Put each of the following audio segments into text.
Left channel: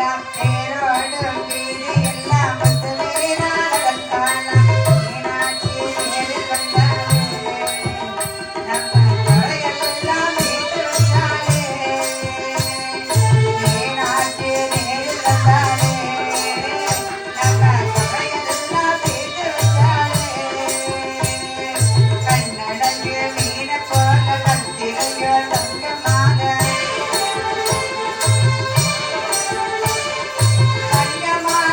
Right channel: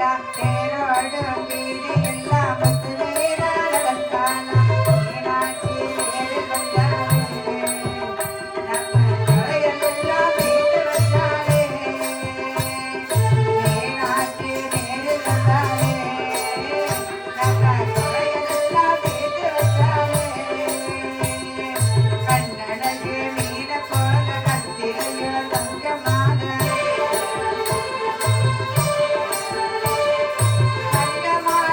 Come on.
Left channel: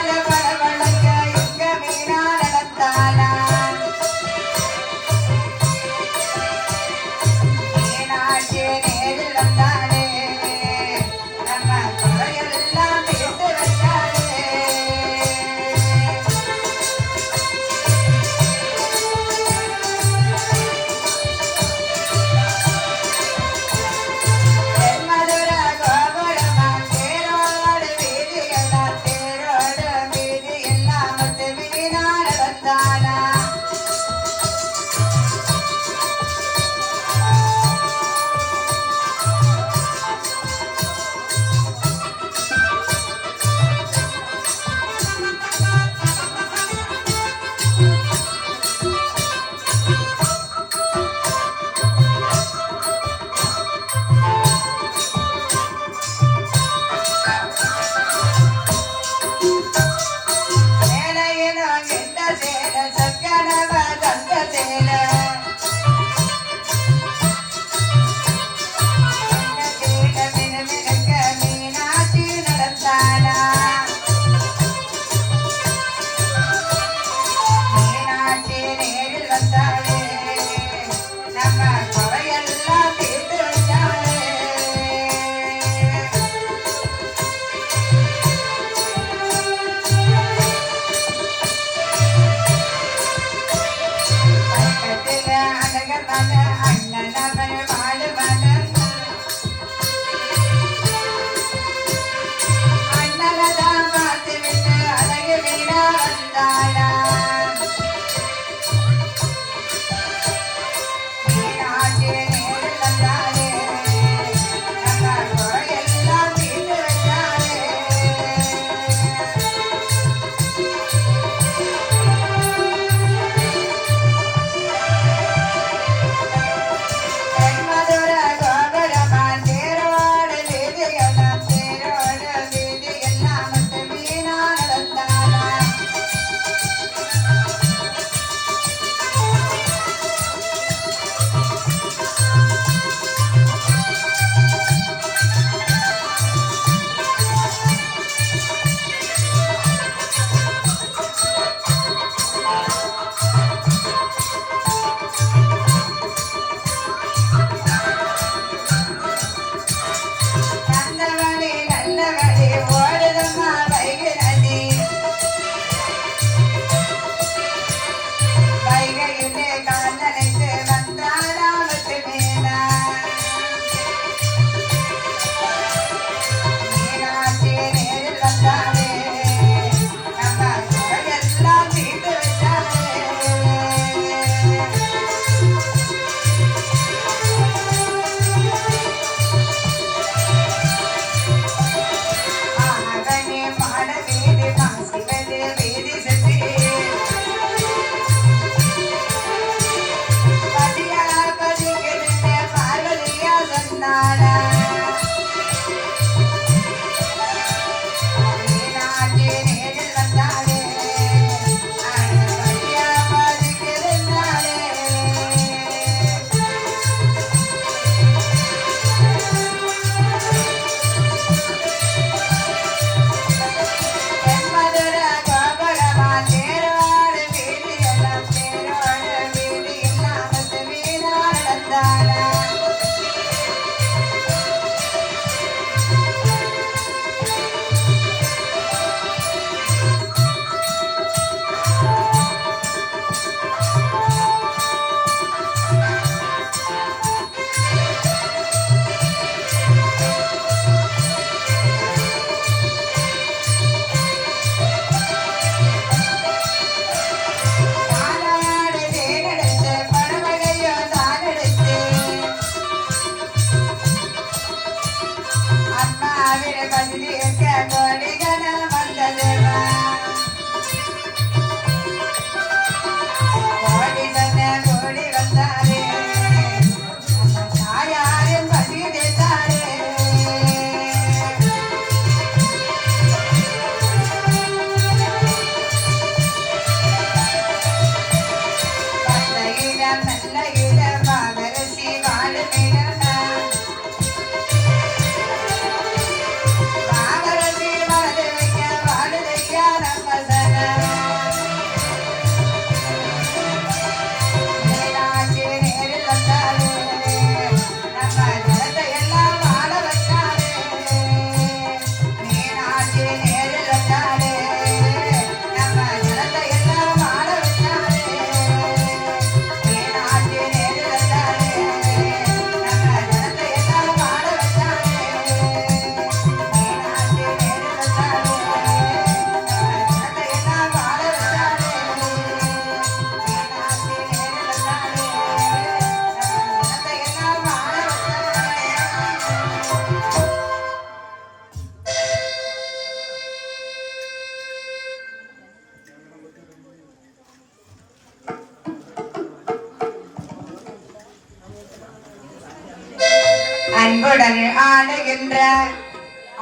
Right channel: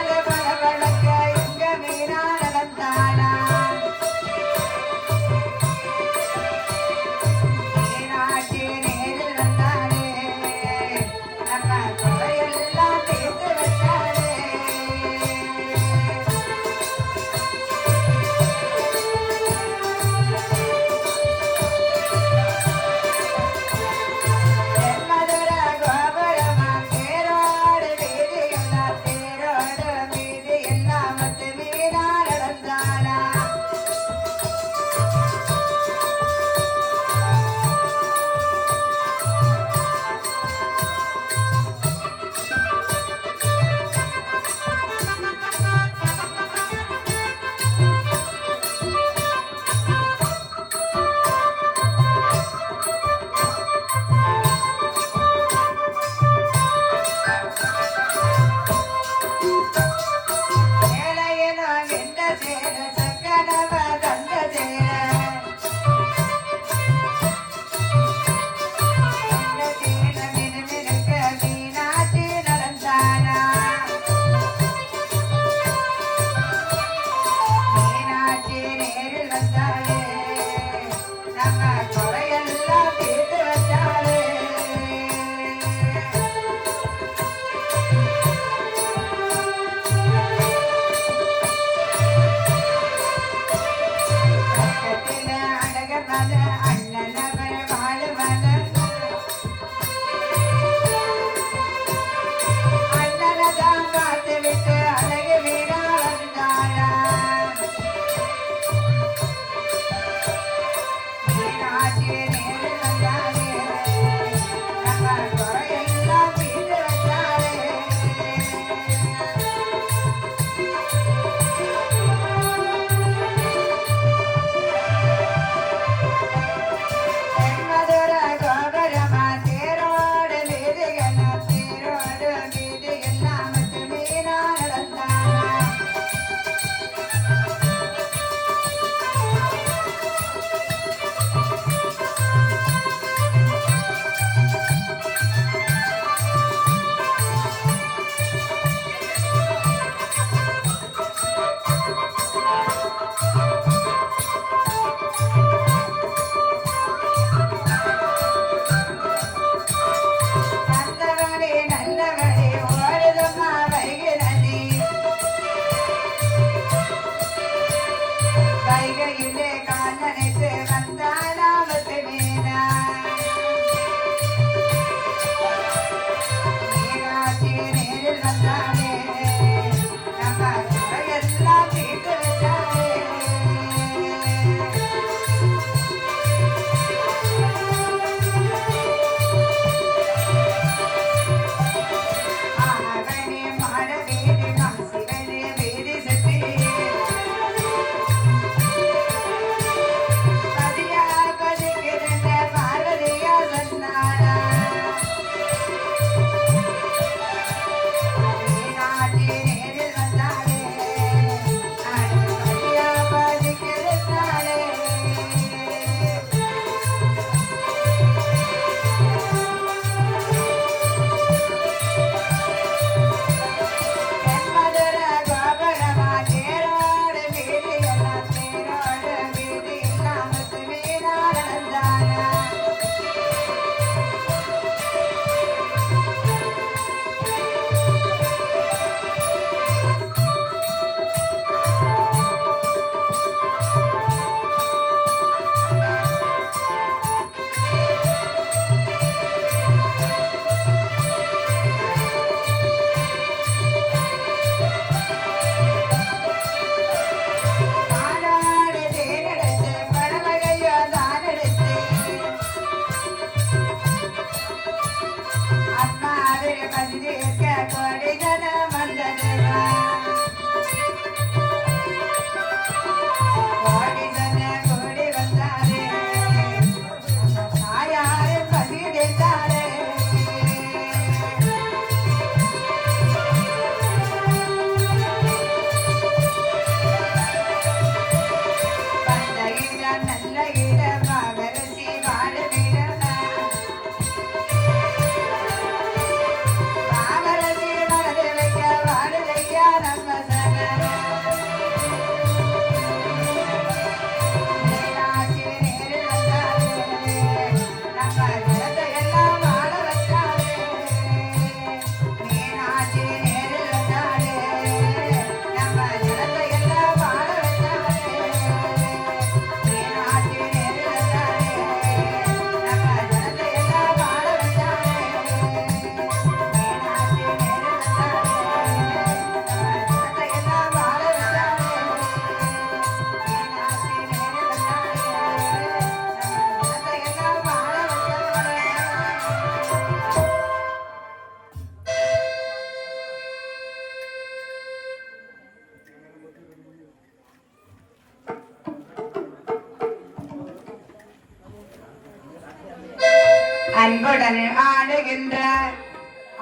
அன்புடன் ஆடுகின்ற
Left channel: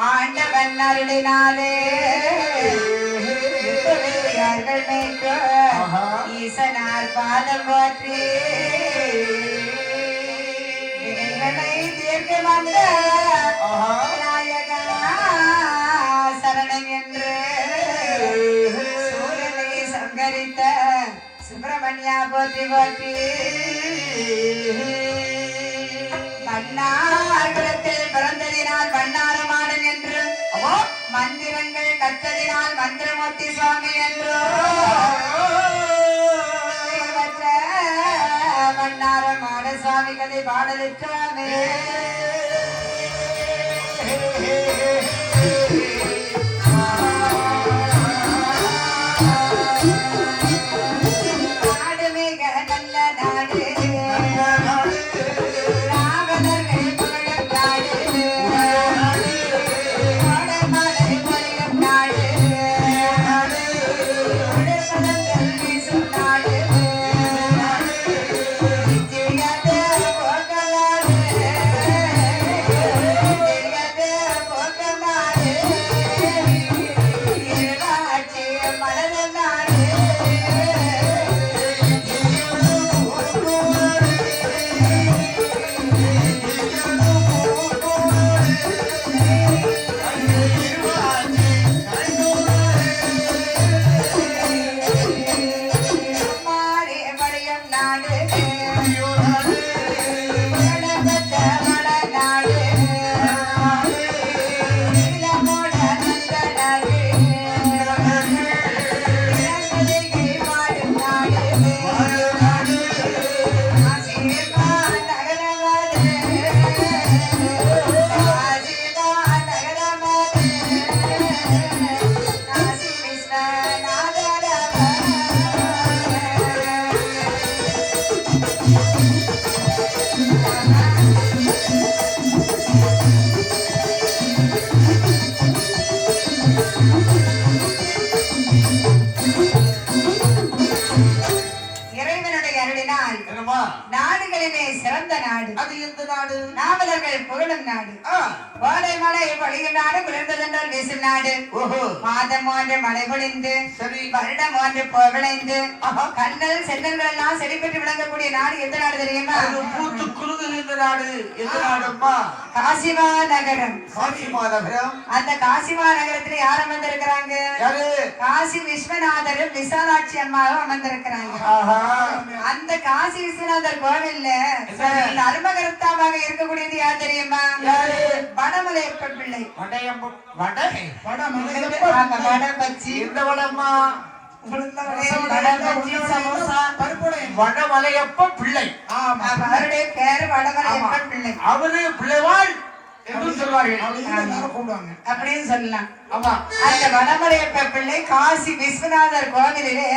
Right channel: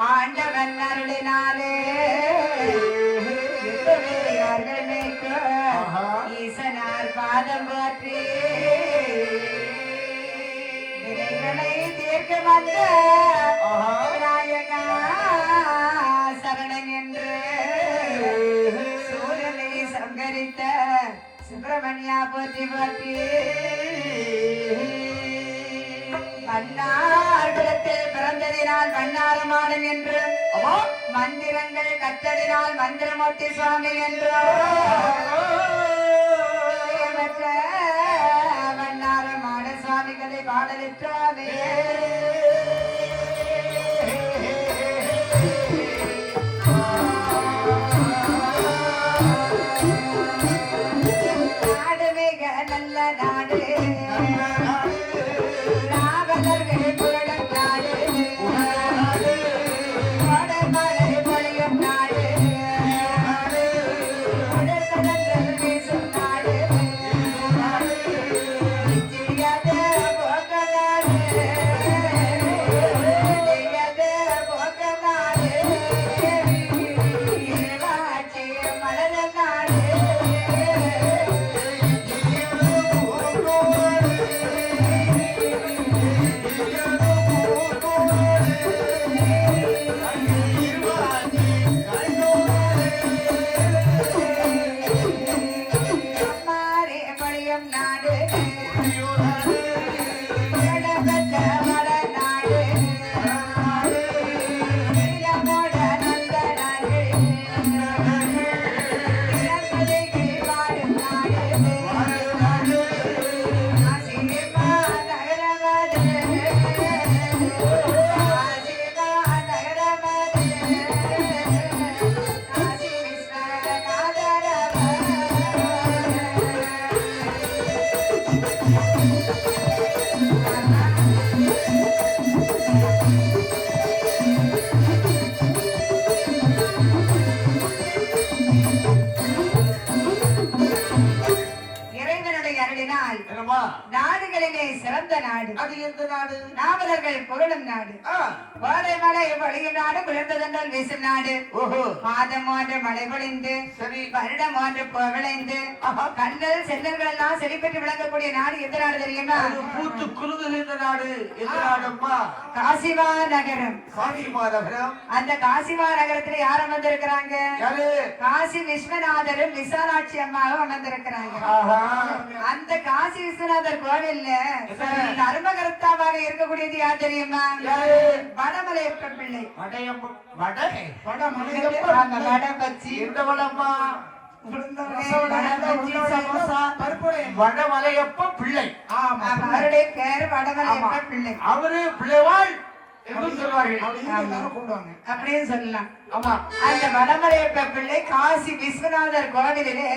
ஆண்டவன் அருளினாலே ஈசனார் பாதம் போற்றி தீர்க்க வந்த நாயகா சரணம் என்று சூரனை சங்கரித்த சுப்பிரமணியா போற்றி போற்றி மன்னார்குலத்தில் பிறந்ததினால் மன்னாரமாடன் என்று மந்திரங்கள் கற்றதினால் மந்திரமூர்த்தி சுவாமி என்றோ மன்னாரமாட சுவாமிகளை பாடலிட்டாமே நாடு மிக நல்ல நாடு நாடுகளிலே சிறந்த நாடு அது எந்த நாடு? நாவலர்கள் புகழும் நாடு. வாழை மழை பொழியும் நாடு, விழுந்ததென்றால் வீசும் நாடு. மாதம் ஒன்று மழை பொழிந்து வருடம் ஒன்று புகழைந்து கண்ணல் சென்னங்கள் எல்லாம் செழிப்பெற்று விளங்கக்கூடிய நாடு எந்த நாடு தெரியுமா? பூத்து குலுங்குகின்ற நாடு எந்த நாடுமா? காசிமா நகரம். காசிமா நகரம். அந்த காசிமா நகரத்துல யார் அமர்ந்திருக்கிறாங்க? காசி விஸ்வநாதரும் விசாலாட்சி அம்மாவும் அமர்ந்திருக்கிறாங்க. அந்த காசி விஸ்வநாதர் கோவில்ல தர்மகர்த்தாவாக இருக்கக்கூடியது யார் தெரியுமா? வடமலையப்பன் பிள்ளை. வடமலையப்ப பிள்ளை. அவருடைய பேரு வடமலையப்பன் பிள்ளை. அவரு பிள்ளைவாள் அப்படின்னு சொல்லலாம். அந்த வடமலையப்ப பிள்ளை காசி விஸ்வநாதர் கோவிலிலே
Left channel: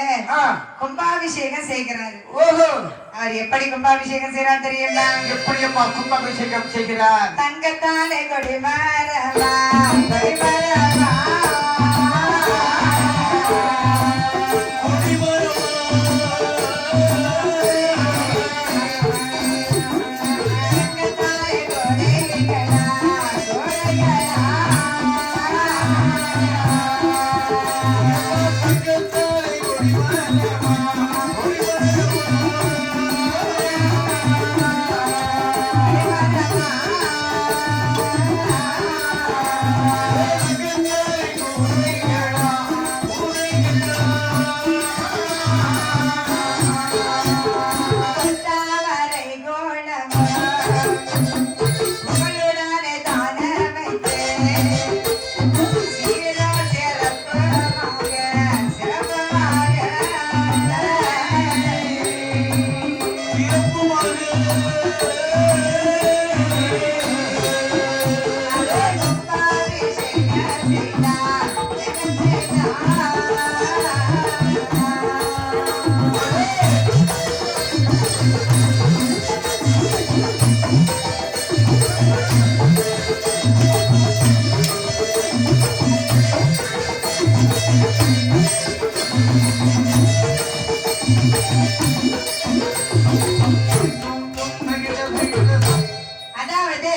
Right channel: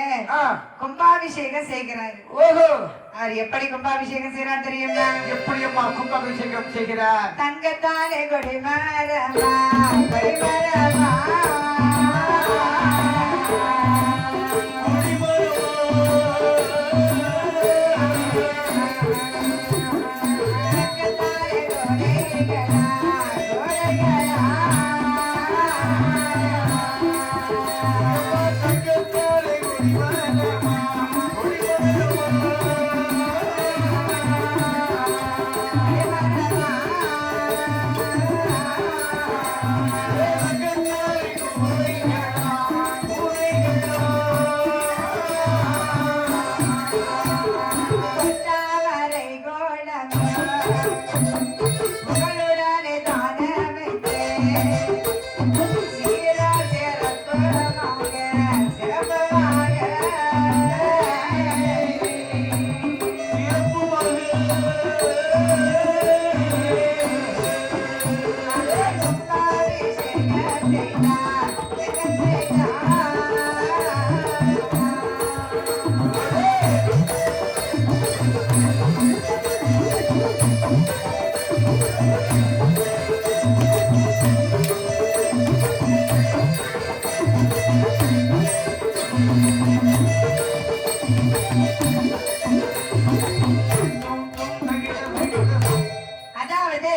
கும்பாபிஷேகம் செய்கிறார். அவர் எப்படி கும்பாபிஷேகம் செய்யறார் தெரியுமா? எப்படி அம்மா கும்பாபிஷேகம் செய்கிறார்? தங்கத்தாலே கொடிமரமா கொடிமரமா அதாவது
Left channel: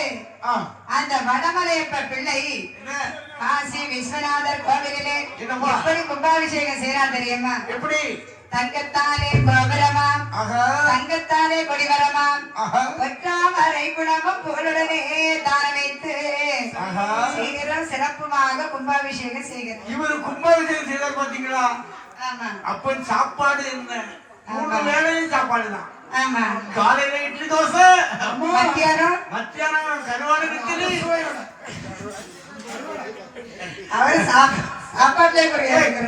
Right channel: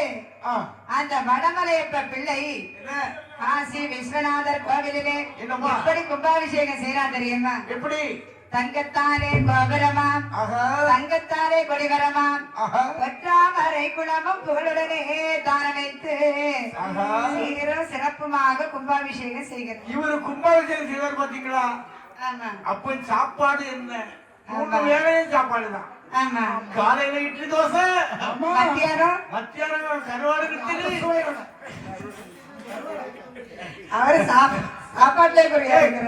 என்னம்மா? எப்படி கும்பாபிஷேகம் செய்யறான் தெரியுமா? எப்படி? தங்கத்தாலே கோபுரமாம், ஆஹா. தங்கத்தாலே கொடிவரமாம், ஆஹா. ஒற்றாமரை குளமும் புகழுடனே தான வைத்து ஆஹா. சீக்கிரம் சிறப்புமாக கும்பாபிஷேகம் செய்கிறது. இவரு கும்பாபிஷேகம் செய்தார் பாத்தீங்களா? ஆமா அப்ப சாப்பாடு என்ன? 3 வேளையும் சாப்பாடு தான். ஆமா. காலையில இட்லி தோசை, மத்தியானம் மத்தியானம் கருவாடு கிச்சடி. அவரு சாப்பாட்டுலயே குறையாது.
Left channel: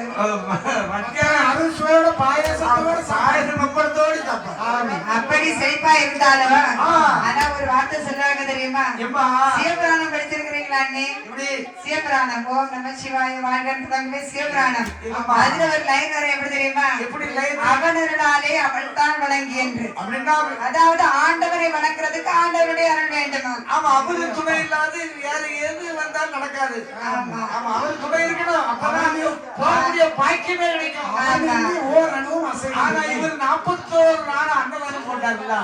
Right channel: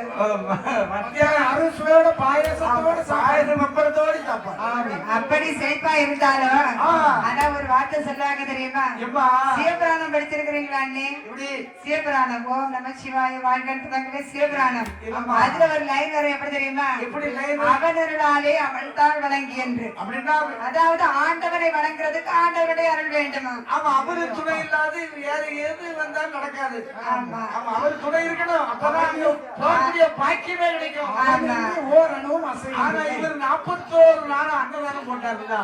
மத்தியானம் அறுசுவையோட பாயசத்தோட சாயசம் முப்பத்தோடு சாப்பாடு. அப்படி செழிப்பா இருந்தாலும் ஆனா ஒரு வார்த்தை சொல்லுவாங்க தெரியுமா? எம்மா? சிவபுராணம் படிச்சிருக்கிறீங்களா அண்ணே? எப்படி? சிவபுராணம் ஓம் நம சிவாய வாழ்கவே சிவபுராணம். ஆமா. அதுல ஒரு லைன் வரும், எப்படி தெரியுமா? எப்படி லைன்? அவனருளாலே அவள் தான் வழங்கி என்று. அப்படின்னா அதாவது ஆண்டவரை வணங்குறதுக்கு ஆண்டவருடைய அருள் வேண்டுமா? ஆமா, அவரு துணை இல்லாது வேற எது வந்தாலும் நடக்காது. ஆமா. ஆமா, அவர் துணை இருக்கணும். அப்பதான் போகக்கூடிய பாக்கியமே கிடைக்கும். ஆமா. ஆனா இவர் 41 நாள் அன்னதானம் போட்டாருல.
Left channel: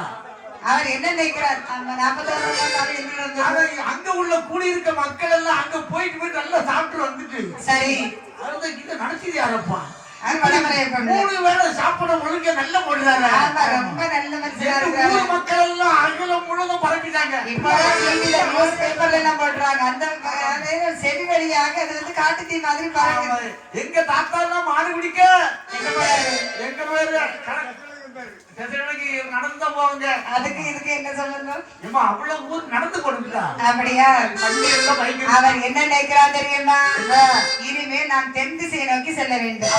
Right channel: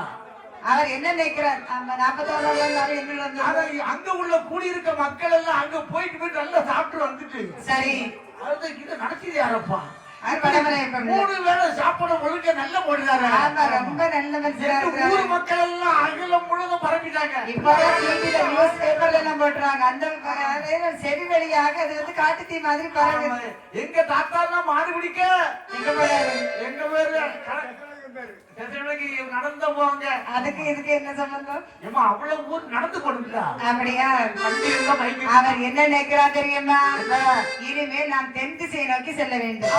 அவர் என்ன நினைக்கிறார்? ஆமா, 41 நாள் எதுல இருந்து? ஆனா அங்க உள்ள கூடியிருக்க மக்கள் எல்லாம் அங்க போயிட்டு நல்லா சாப்பிட்டு வந்துட்டு சரி, அது இது நடத்திது யாரப்பா? அது பரம்பரை பண்ணு. 3 வேளை சாப்பிட ஒழுங்க நல்ல போடுறாரு. ஆமா, ரொம்ப நல்ல மனுஷனா இருக்காரு. ஊர் மக்கள் எல்லாம் அகிலம் முழுக்க பரப்பிட்டாங்க. இப்பதான் டிவில நியூஸ் பேப்பர்ல எல்லாம் போடுறாங்க. அந்த செடி வழியாக அது வந்து காட்டு தீ மாதிரி பரவுது. எங்க தாத்தா எல்லாம் மாடு பிடிக்க எங்க போறாரு? எங்க பேரு நடந்து போவாங்க. அதுக்கு இதுக்கு என்ன சொல்லணும்? ஏமா அவ்வளவு ஊர் நடந்து கொடுக்குறா. அப்படியா? வண்டி எல்லாம் பைக். அவர் என்ன நினைக்கிறான் தெரியுமா? இனிமேல் நான் தென் திசையை நோக்கி செல்ல வேண்டும்.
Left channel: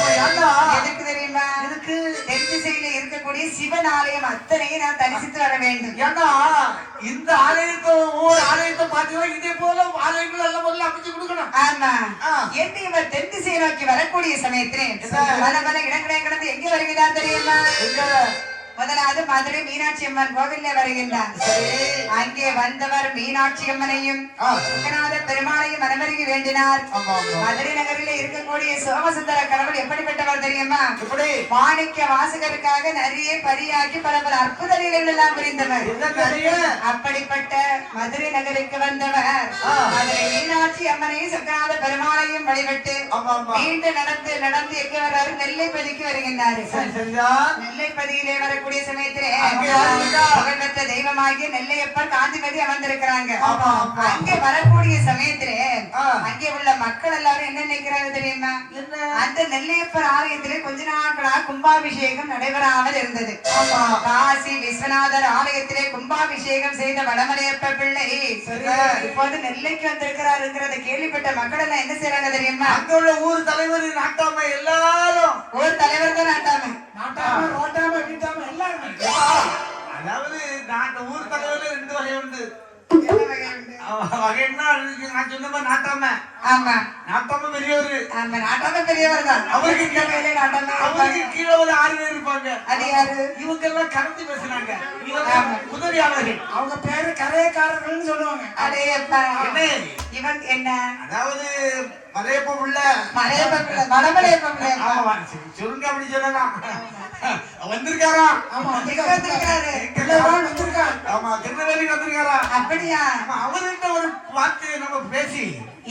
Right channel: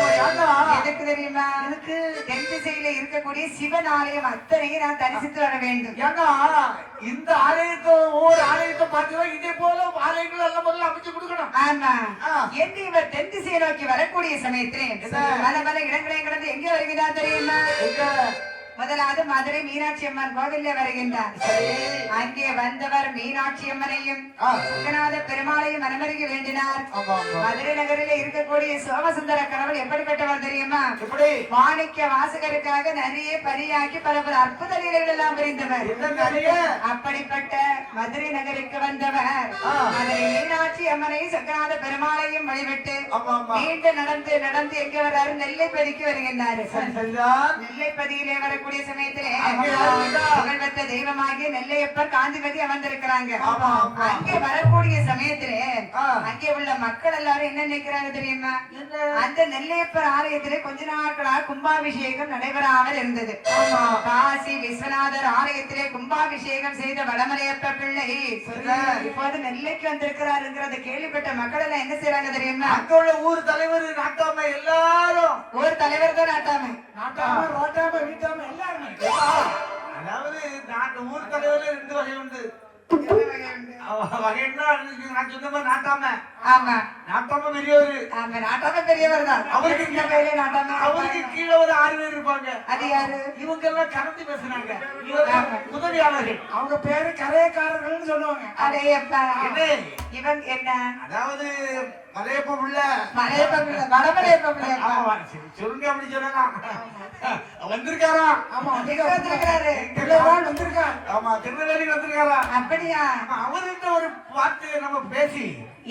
எதுக்கு தெரியுமா? இதுக்கு தென் திசையில இருக்கக்கூடிய சிவன் ஆலயம் அத்தனையும் நான் தரிசித்து வர வேண்டும். ஏன்னா இந்த ஆலயத்தை ஒவ்வொரு ஆலயத்தை பார்த்தீங்கன்னா இதே போல ஆலயங்கள் எல்லாம் முதல்ல அமைச்சு கொடுக்கணும். ஆமா. என்று இவர் தென் திசையை நோக்கி வரக்கூடிய சமயத்திலே பல பல இடங்களை கடந்து எங்க வருகிறார் தெரியுமா? முதலாவது மதுரை மீனாட்சி அம்மன் கோவில்ல வருகின்றார். அங்கே வந்தவர் மீனாட்சி அம்மனையும் சுகநாத பெருமாளையும் மனமருகி வேண்டினார். மதுரை நகரில் இருக்கக்கூடிய சோமசுந்தர கடவுள் எப்படிப்பட்டவர் தெரியுமா? மாணிக்க வாசகருக்காக நிறைய பரியாக்கி பல பல அற்புத நிலைகள் எல்லாம் புரிந்தவர். அப்படிப்பட்ட மதுரை நகருக்கு வந்தவர் மதுரை மீனாட்சி அம்மனையும் சுகநாத பெருமாளையும் வழிபட்டு மீண்டும் நடந்து நடந்து எங்க வர்றாரு? நெல்லைப்பதிக்கு வருகின்றார். நெல்லைப்பதியிலே வரக்கூடிய சமயத்திலே புகழ்பெற்ற தெய்வமாகிய நெல்லையப்பர் காந்திபதி அமர்ந்திருக்கிறாங்க. அங்கே வரக்கூடிய சமயத்திலே அங்கே உள்ள மக்கள் எல்லாரும் என்ன நினைக்கிறாங்க தெரியுமா? அந்த நெல்லையப்பர் ஆலயத்திலே கொஞ்ச நாட்களாக கும்பாபிஷேகம் நடைபெறாமல் இருந்தது. காசி விஸ்வநாதர் ஆலயத்திலே கும்பாபிஷேகம் செய்த வடமலையப்ப பிள்ளை இப்போது நெல்லைக்கு வந்திருக்கிறாருங்கிறத கேள்விப்பட்ட மக்கள் எல்லாம் என்ன செய்யறாங்க தெரியுமா? அங்க உள்ள ஊர் தலைவர் நாட்டாம எல்லாரும் ஊர் தலைவர் தான் நாட்டாம ரோட்டாம வீட்டாம எல்லாருமே. அதாவது நாட்டு ஊர் தலைவர்ல 2 வகை உண்டு. வகைன்னா நான் சொன்ன மாதிரி நாட்டாம. ஆமா, நாட்டாம பெரியவரு. ஆமா, நாட்டாம பெரியவர் தான். அவருக்கு கீழே ஒரு 6 பேர் இருப்பாங்க. அது யாரு? இவங்க எல்லாம் கலந்து பேசுனாங்க. இவங்க உதவியாளர்கள். அவங்க பேரு கரையக்காரர்கள்னு சொல்லுவாங்க. அதே என்ன இவன் என்ன? அதாவது மலையப்ப உள்ள வடமலையப்ப சொல்லுங்க, அப்படி சொல்லலாம். வந்திருக்காராம். ஆமா, வந்திருக்காரு. ஆமா, திருநெல்வேலிக்கு வந்திருக்காரா? அப்படியா? அவர்கிட்ட ஒரு வார்த்தையை நம்ம பேசி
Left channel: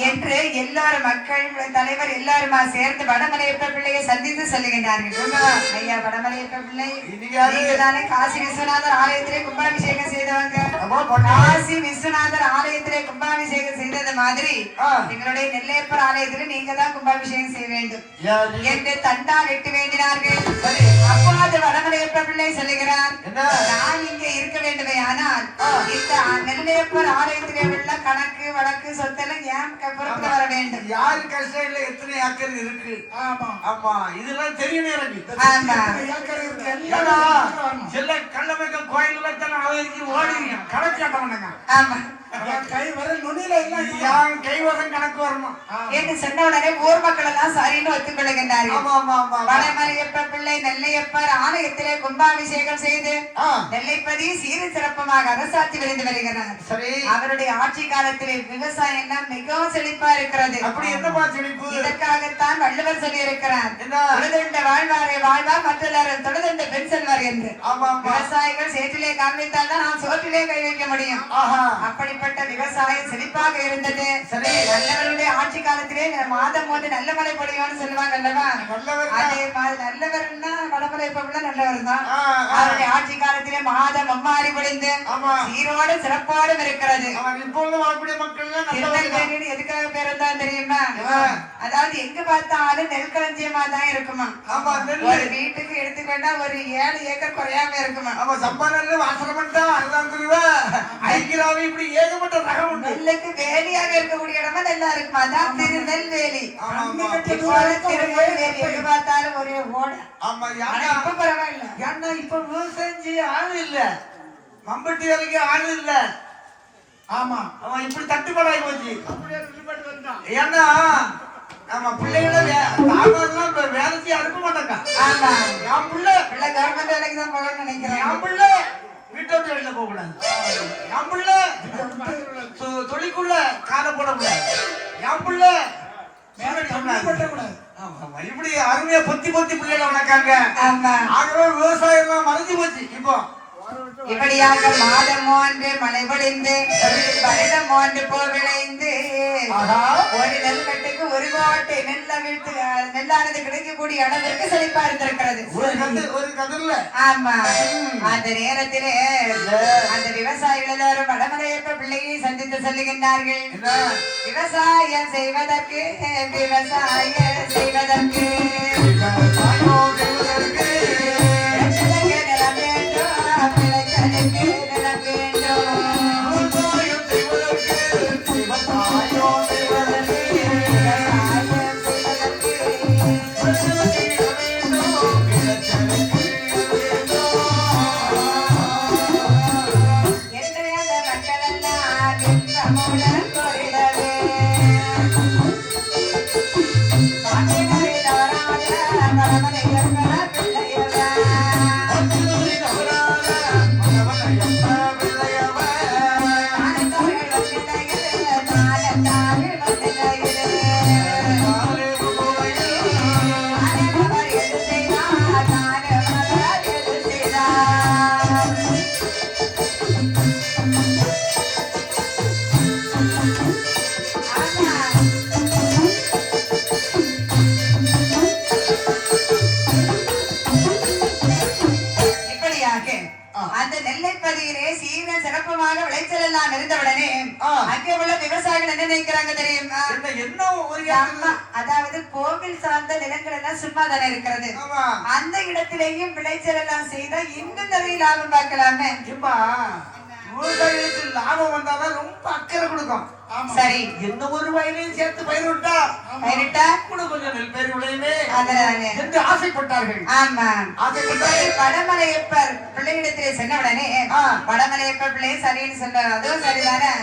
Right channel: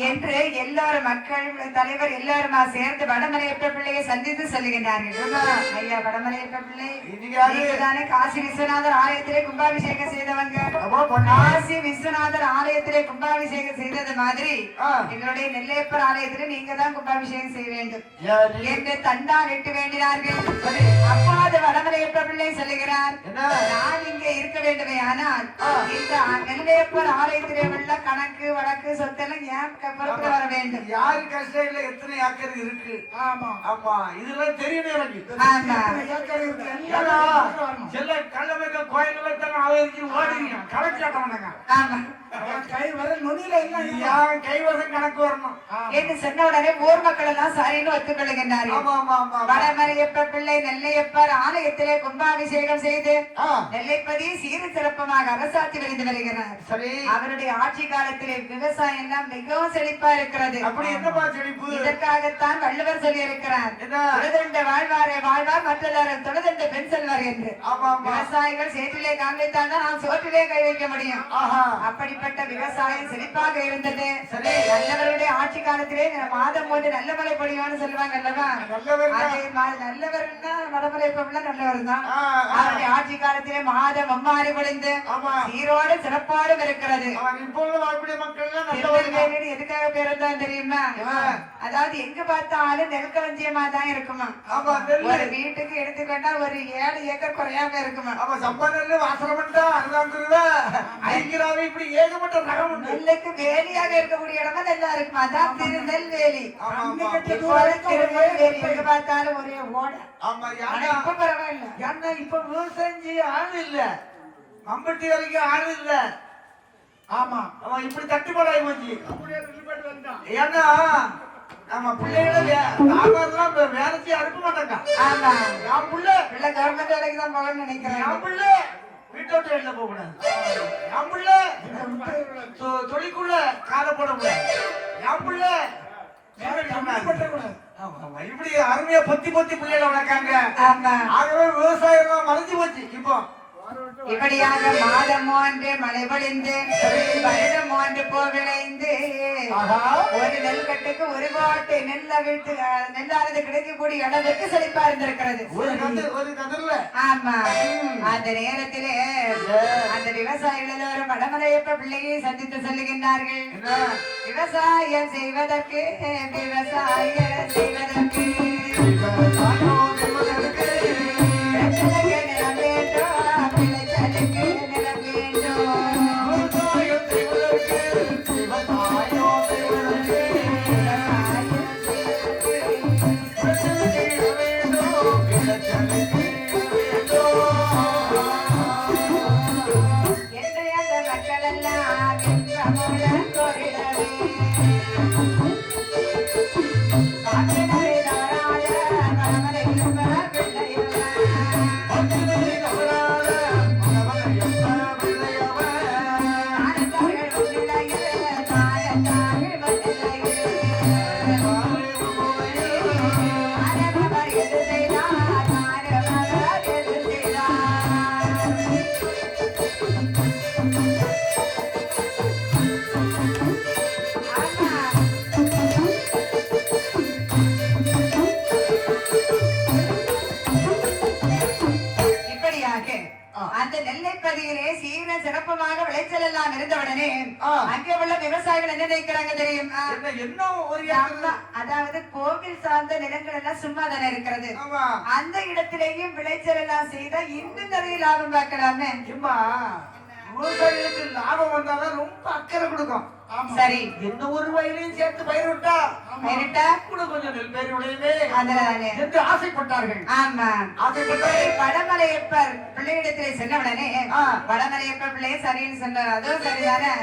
என்று எல்லாரும் மக்கள் தலைவர் எல்லாருமா சேர்ந்து வடமலையப்ப பிள்ளையை சந்தித்து செல்லுகின்றார்கள். ஐயா, வடமலையப்ப பிள்ளை நீங்கதானே காசி விஸ்வநாதர் ஆலயத்திலே கும்பாபிஷேகம் செய்தவங்க. காசி விஸ்வநாதர் ஆலயத்திலே கும்பாபிஷேகம் செய்தது மாதிரி எங்களுடைய நெல்லையப்பர் ஆலயத்திலே நீங்க தான் கும்பாபிஷேகம் செய்ய வேண்டும் என்று தண்டா விட்டு வேண்டினார்கள். அப்போது வடமலையப்ப பிள்ளை சொல்லுகிறார், நான் இங்கே இருக்க வேண்டுமே, ஆனால் இந்த நெல்லையப்பர் ஆலயத்திலே உள்ள கணக்கு வழக்கு சொத்தெல்லாம் ஏன் புறப்பட வர வேண்டும்? யாரு கஷ்டம் எத்தனை ஏக்கர் இருக்கு? ஆமா ஆமா, இதெல்லாம் தெரியும் எனக்கு. சில கள்ளமைக்க கோயில்கள் ஓடுறீங்க கணக்காட்டவனுங்க. ஆமா, கை வர நுனியில எல்லாம் கைவசம் கணக்கு வரணும் என்று சொன்ன உடனே ஊர் மக்கள் எல்லாம் சரின்னு ஒத்துக்கொள்கின்றார்கள். வடமலையப்ப பிள்ளை நெல்லையப்பர் ஆலயத்திலே கும்பாபிஷேகம் செய்து நெல்லைப்பதி சீர சிறப்புமாக அரசாட்சி புரிந்து வருகிறார். அவருடைய ஆட்சி காலத்திலே விவசாயம் மிகவும் செழிப்பா இருக்கிறது. அப்படி என்னமா செழிப்பு? இதற்காகத்தான் வள்ளுவர் சொல்லி இருக்கிறார், தொழுதண்ட வாழ்வாரே வாழ்வார் மற்றதாரன் தொழுதண்ட பெண் செல்வார் என்று. விவசாயிகள் சேற்றிலே கால் வைத்தால் தான் நாம் சோற்றிலே கை வைக்க முடியும். அப்படிப்பட்ட விவசாயம் செழிப்பாக இருந்தது. நல்லவருடைய ஆட்சி காலத்தில் காலத்திலே மாதம் போது நல்ல மழை பொழியும்னு சொல்லுவாங்க அல்லவா? அதே மாதிரி நல்லவர்னா வடமலை பொருள் நல்லவர் தான். அவருடைய ஆட்சி காலத்திலே மாதம் அம்மாறி பொழிந்து சீரோடு சிறப்போடு இருக்கிறது. திருநெல்வேலி எதுக்காக பேரு தான் தெரியுமா? அதாவது எங்க பார்த்தாலும் நெற்களஞ்சியமா தான் இருக்குமா. ஒரு வீட்டுக்கு எடுத்துக்கிட்டா ஒரு 7 ஏக்கர் குறையாம இருக்குமா. நெல்லுக்கு வேலியாக இருக்கக்கூடிய இடமா நல்லா இருக்குமா. அதான் திருநெல்வேலி. திருநெல்வேலி எங்க பார்த்தாலும் ஒரே ஓட. இப்ப பரவாயில்ல. ஏன்னா இப்ப விவசாயம் செய்ய ஆள் இல்ல, மம்பட்டி வரைக்கும் ஆள் இல்ல. ஆமா, அவன் இப்படி தட்டுப்பாடாகி போச்சு. ஏன்னா நம்ம பிள்ளைகள தாமதெல்லாம் வேலை செய்ய அனுப்ப மாட்டாங்க. என் பிள்ளை கவர்மெண்ட் வேலைக்கு தான் போகணும்னு நினைக்கிறேன். என் பிள்ளை வீட்டை விட்டு வெளில போக கூடாது. என் பிள்ளை தொழிற்குள்ள கால போடக்கூடாது. என் பிள்ளை இப்படி அருமையா பொத்தி பொத்தி பிள்ளைகளை வளர்க்காங்க. ஆகவே விவசாயம் மறைஞ்சு போச்சு. இப்போ இப்படியாக மாதம் ஒன்று மழை பொழிந்து வருடம் ஒன்று போல் விளைந்து ஒரு நெல் கட்டுக்கு ஒரு கோட்டை நெல்லானது கிடைக்கக்கூடிய அளவிற்கு செழிப்பா இருந்திருக்கிறது. ஆமா, அந்த நேரத்திலே அந்த விவசாயிகள் எல்லாரும் வடமலையப்ப பிள்ளையை சந்தித்து செல்லுகின்றார்கள். விவசாயம் செய்வதற்கு விவசாயம் செய்வதற்கு அந்த நெல்லைப்பதியிலே சீர சிறப்பமாக விளைச்சல் எல்லாம் இருந்தவுடனே அங்கே உள்ள விவசாயிகள் என்ன நினைக்கிறாங்க தெரியுமா? அதாவது கோவில் சார்ந்த நிலங்கள் எல்லாம் சும்மா தானே இருக்கிறது. அந்த இடத்திலேயும் விளைச்சல் எல்லாம் செய்தா இன்னும் நிறைய லாபம் பார்க்கலாமே. விவசாயிகளுக்கு லாபம் வந்தாதான் ரொம்ப அக்கறை கொடுக்கும். சரி, எந்த ஒரு வயலையும் சேர்த்து பயிரிட்டா கூட கொஞ்சம் நெல் பயிர் விளையுமே என்று ஆசைப்பட்டார்கள். ஆமா, ஆசைப்பட்டாரு. வடமலையப்பர் பிள்ளையிடத்திலே சென்றவுடனே வடமலையப்பர் பிள்ளை சரின்னு சொன்னார். அதுவும் சரிதானே.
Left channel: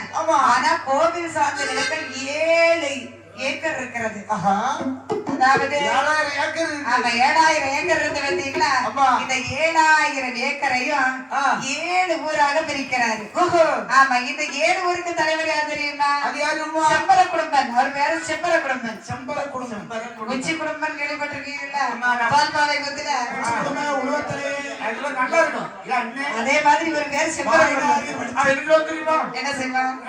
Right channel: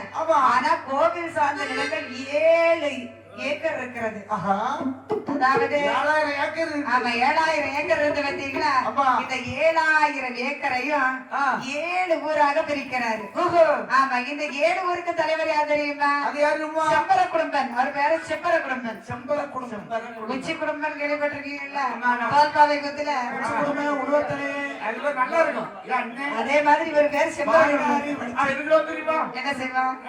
ஆனா கோவில் சார்ந்த நிலங்கள் 7 ஏக்கர் இருக்கிறது. அதாவது 7,000 ஏக்கர் இருந்து பார்த்தீங்களா? இந்த 7,000 ஏக்கரையும் 7 ஊராக பிரிக்கிறாரு. ஆமா, இந்த 7 ஊருக்கு தலைவர் யார் தெரியுமா? செம்பர குடும்பம். அவர் பேரு செம்பர குடும்பம். செம்பர குடும்பம், உச்சி குடும்பம் கேள்விப்பட்டிருக்கீங்களா? பால்பாவை குத்துல நல்லா இருக்கும். அதே மாதிரி ஒரு பேர் செம்பர குடும்பம். என்ன செய்வாங்க?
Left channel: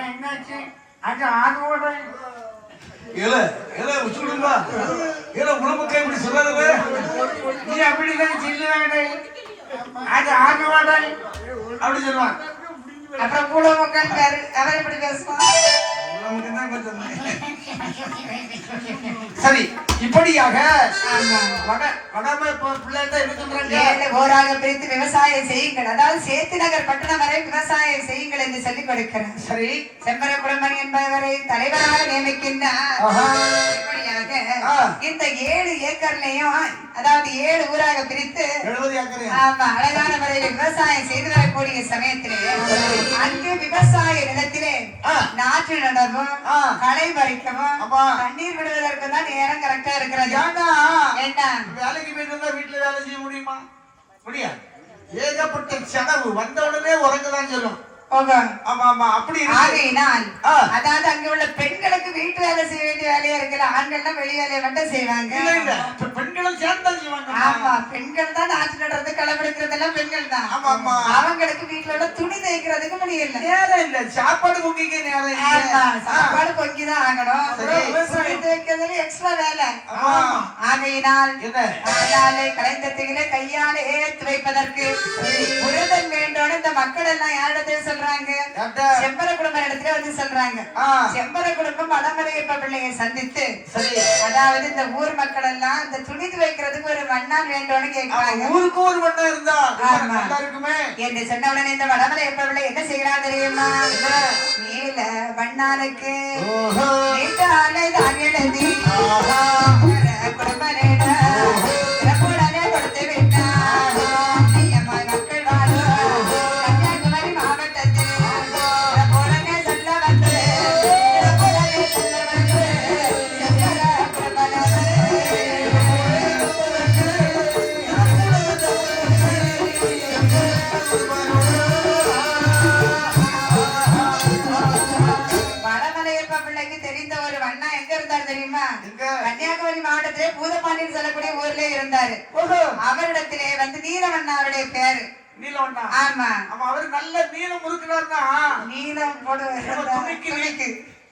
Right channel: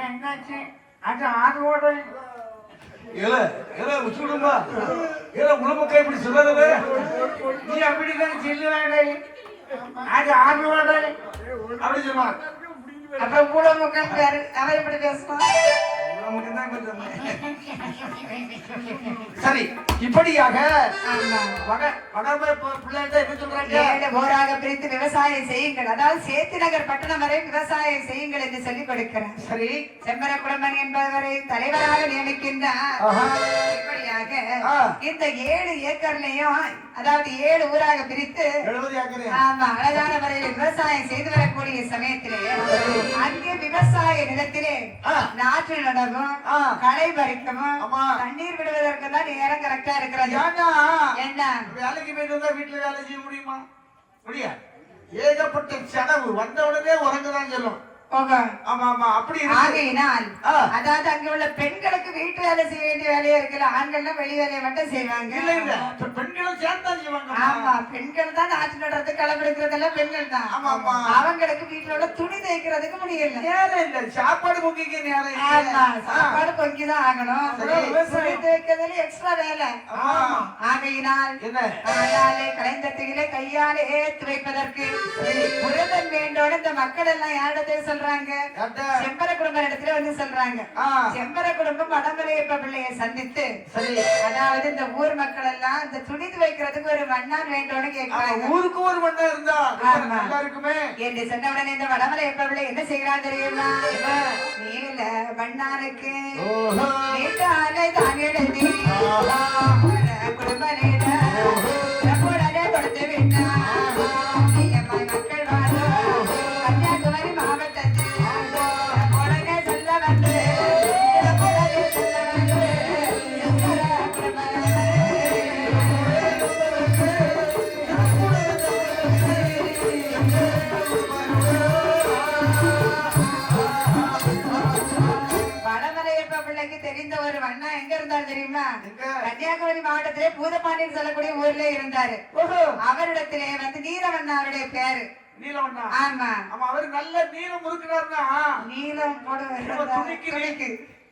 நீ அப்படி அப்படி சொல்லுவான். அப்ப கூட பேரு அவர் எப்படி பேசுவான்? சரி, இப்படியாக போராக பிரித்து விவசாயம் செய்யுங்கள். அதாவது சேத்து நகர் பட்டணம் வரை விவசாயம் செய்யுங்கள் என்று சொல்லிக் கொடுக்கிறார். சரி, செம்மர குடும்பம் என்பவரை தலைவராக நியமிக்கின்றார். இப்படியாக இந்த 7 ஏக்கர்லயும் அதாவது 7 ஊராக பிரித்து அழகான முறையில் விவசாயம் செய்து வரக்கூடிய சமயத்திலே அங்கே விவசாய நிலத்திலே நாற்று நடவும் களை பறிக்கவும் தண்ணீர் விடுவதற்கு தான் நேரம் கரெக்டா இருக்கிறது. என்ன வேலைக்கு போயிட்டு வந்தா வீட்டுல வேலை செய்ய முடியுமா? முடியாது. ஏகப்பட்ட செலவு. வந்த உடனே உறங்குதான் சொல்லும். அதாவது அங்க உள்ள பெண்களுக்கு வீட்டு வேலை செய்ய வேண்டிய வேலையா இருக்கிற ஆண்கள்னா வெளி வேலையை மட்டும் செய்வாங்க. பெண்களும் சேர்ந்து ஆமா பெண்கள் தான் நாட்டு நடந்து களவெடுக்கிறதெல்லாம் பெண்கள் தான். ஆமா ஆமா அவங்களுக்கு வீட்டுல துணி தைக்கிறதுக்கு முடியல. நேரம் இல்ல, சாப்பாடு பொங்கிக்க நேரம் இல்ல. சாப்பாடு பொங்கிதான் ஆகணும். துணி தைக்கிறதுல எக்ஸ்ட்ரா வேலை. ஆகையினால் கலைத்தத்திலே கையாலே ஏற்றி வைப்பதற்கு புரதன் வேண்டும். இந்த மக்கள் எல்லாம் யாரிடத்துல சொல்றாங்க? செம்பர குடும்ப இடத்துல வந்து சொல்றாங்க. செம்பர குடும்பம் வடமலையப்ப பிள்ளையை சந்தித்து அதாவது இந்த ஊர் மக்கள் எல்லாம் இந்த துணி துவைக்கிறதுக்கு ஒரு மண்ணால் வேண்டும்னு கேட்கிறாங்க. ஊருக்கு ஒரு மண்ணா இருந்தா இருக்குமே என்று சொன்ன உடனே இந்த வடமலையப்ப பிள்ளை என்ன செய்யறாங்க தெரியுமா? மேல மண்ணாலுக்கு நீட்டாலே தான் எழுதி குடும்ப கொடுத்து விட்டார். மக்கள் வாழும் கன்னியாகுமரி மாவட்டத்தில் சொல்ல வந்து வடமலையப்ப பிள்ளைக்கு தெரிந்த ஒரு அண்ணா எங்க இருந்தார் தெரியுமா? கன்னியாகுமரி மாவட்டத்திலே பூதப்பாண்டியன் சொல்லக்கூடிய ஊர்ல இருந்தாரு. அவரிடத்திலே வந்து நீலவண்ணா அவருடைய பேரு. நீலவண்ணா? ஆமா. அவரு நல்ல நீளம் முறுக்குனார்னா நீளம்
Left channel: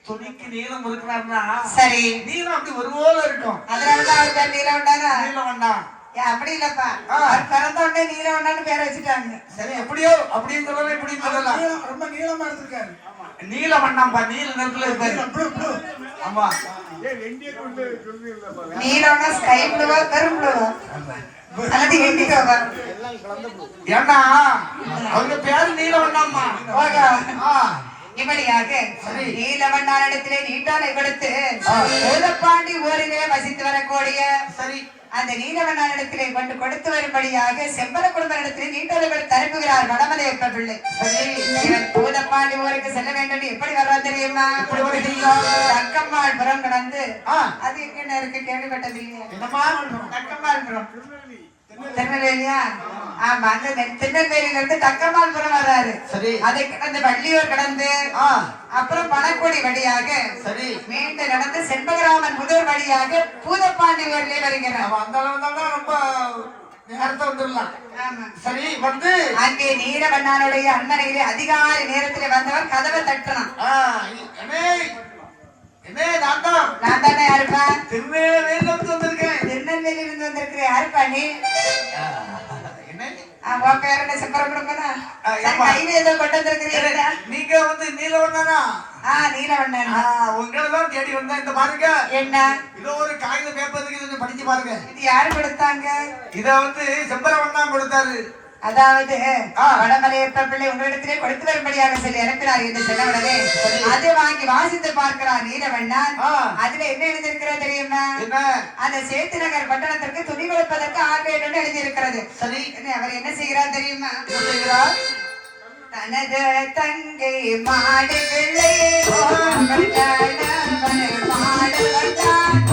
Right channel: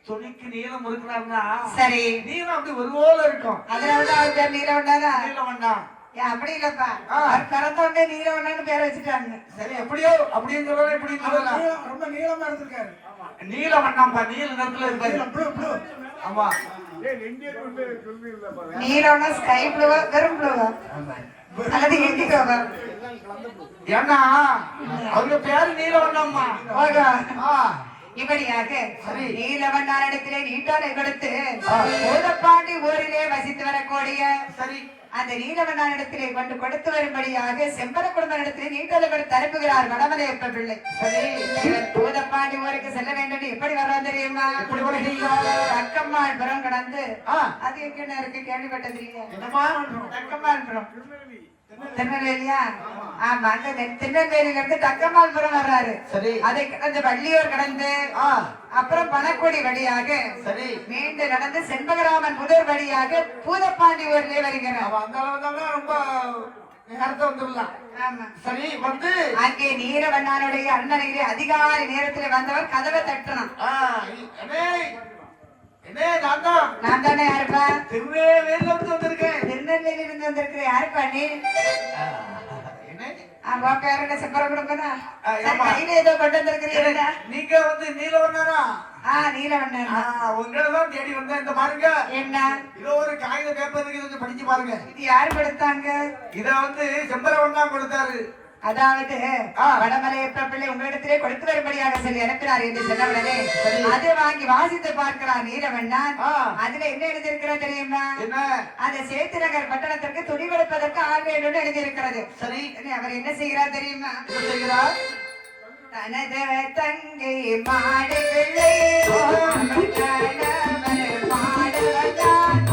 துணிக்கு நீளம் முறுக்குனார்னா சரி நீளம் அப்படி ஒரு போல இருக்கும். அதனாலதான் அவர் பேர் நீலவண்ணா. நீலவண்ணா அப்படி இல்லப்பா, பிறந்த உடனே நீலவண்ணான்னு பேர் வச்சுட்டாங்க. சரி எப்படியோ அப்படிங்கிறத எப்படி ரொம்ப நீளமா எடுத்துருக்காரு. நீலவண்ணாம்பா நீல நிறத்துல இருக்காரு. ஆமா நீலம்னா ஸ்கை ப்ளூவா கரும் ப்ளூவா அல்லது இண்டிகோவா? ஏன்னா அவங்க பேரு நீலவண்ணாம்பா. இப்படியாக நீலவண்ணாரிடத்திலே நீட்டோலை கொடுத்து பூதப்பாண்டி ஊரிலே வசித்து வரக்கூடிய அந்த நீலவண்ணாரிடத்திலே கொண்டு கொடுத்து வரும்படியாக செம்பர குடும்பத்திலே நீட்டோலை கொடுத்து அனுப்புகிறார் வடமலையப்ப பிள்ளை. பூதப்பாண்டி ஊருக்கு செல்ல வேண்டும். எப்படி வர்றான் தெரியுமா? தக்கம்மாள் புறம் கடந்து அது எங்க இருக்கு கேள்விப்பட்டது இல்லையா? தக்கம்மாள் புறம் திருநெல்வேலியா? ஆமா, அந்த திருநெல்வேலியில இருந்து தக்கமால்புரம் வர்றாரு. அதை கடந்து வள்ளியூர் கடந்து அப்புறம் பணக்கொடி வழியாக மீண்டும் நடந்து செண்பகராமன் புதூர் வழியாக பூதப்பாண்டி ஊர்லயே வருகிறார். சரி வந்து அங்கே நீலவண்ணாருடைய அண்ணனையிலே அதிகாலை நேரத்தில் வந்தவர் கதவை தட்டணும். நான் தானே யாருப்பா? திருநெல்வேலியில இருந்து வந்திருக்கேன். திருநெல்வேலியில இருந்து வந்திருக்கிறேன். யாருப்பா நீ? உன் பேர் என்ன? செம்பரகுடும்பனா? கையில ஏதோ கொண்டு வந்திருக்கிறீங்களா? நீங்க வந்து நீலவண்ணா? நீலவண்ணன் உங்களதான் தேடி வந்தேன். இந்த பாருங்க என்ன இதோ ஒரு காகித பேப்பருக்கு படிச்சு பாருங்க. இது யாரு கொடுத்தாங்க? இத வந்து செம்பரவண்ணா கொடுத்தாரு. அதாவது வடமலையப்ப பிள்ளை உங்களிடத்திலே கொடுத்து வரும்படியாக சொல்லி அனுப்பினார் என்று சொன்னவுடனே அதை வாங்கி வாசித்து பார்க்கிறார் நீலவண்ணன். அதுல என்ன எழுதியிருக்கிறது தெரியுமா? அந்த சேத்து நகர் பட்டணத்திற்கு துணி கொடுப்பதற்கு ஆள் வேண்டும் எழுதியிருக்கிறது. சரி, அவர் என்ன செய்கிறார் தெரியுமா? தனது தங்கை மாடு பிள்ளை மாடு வந்தான்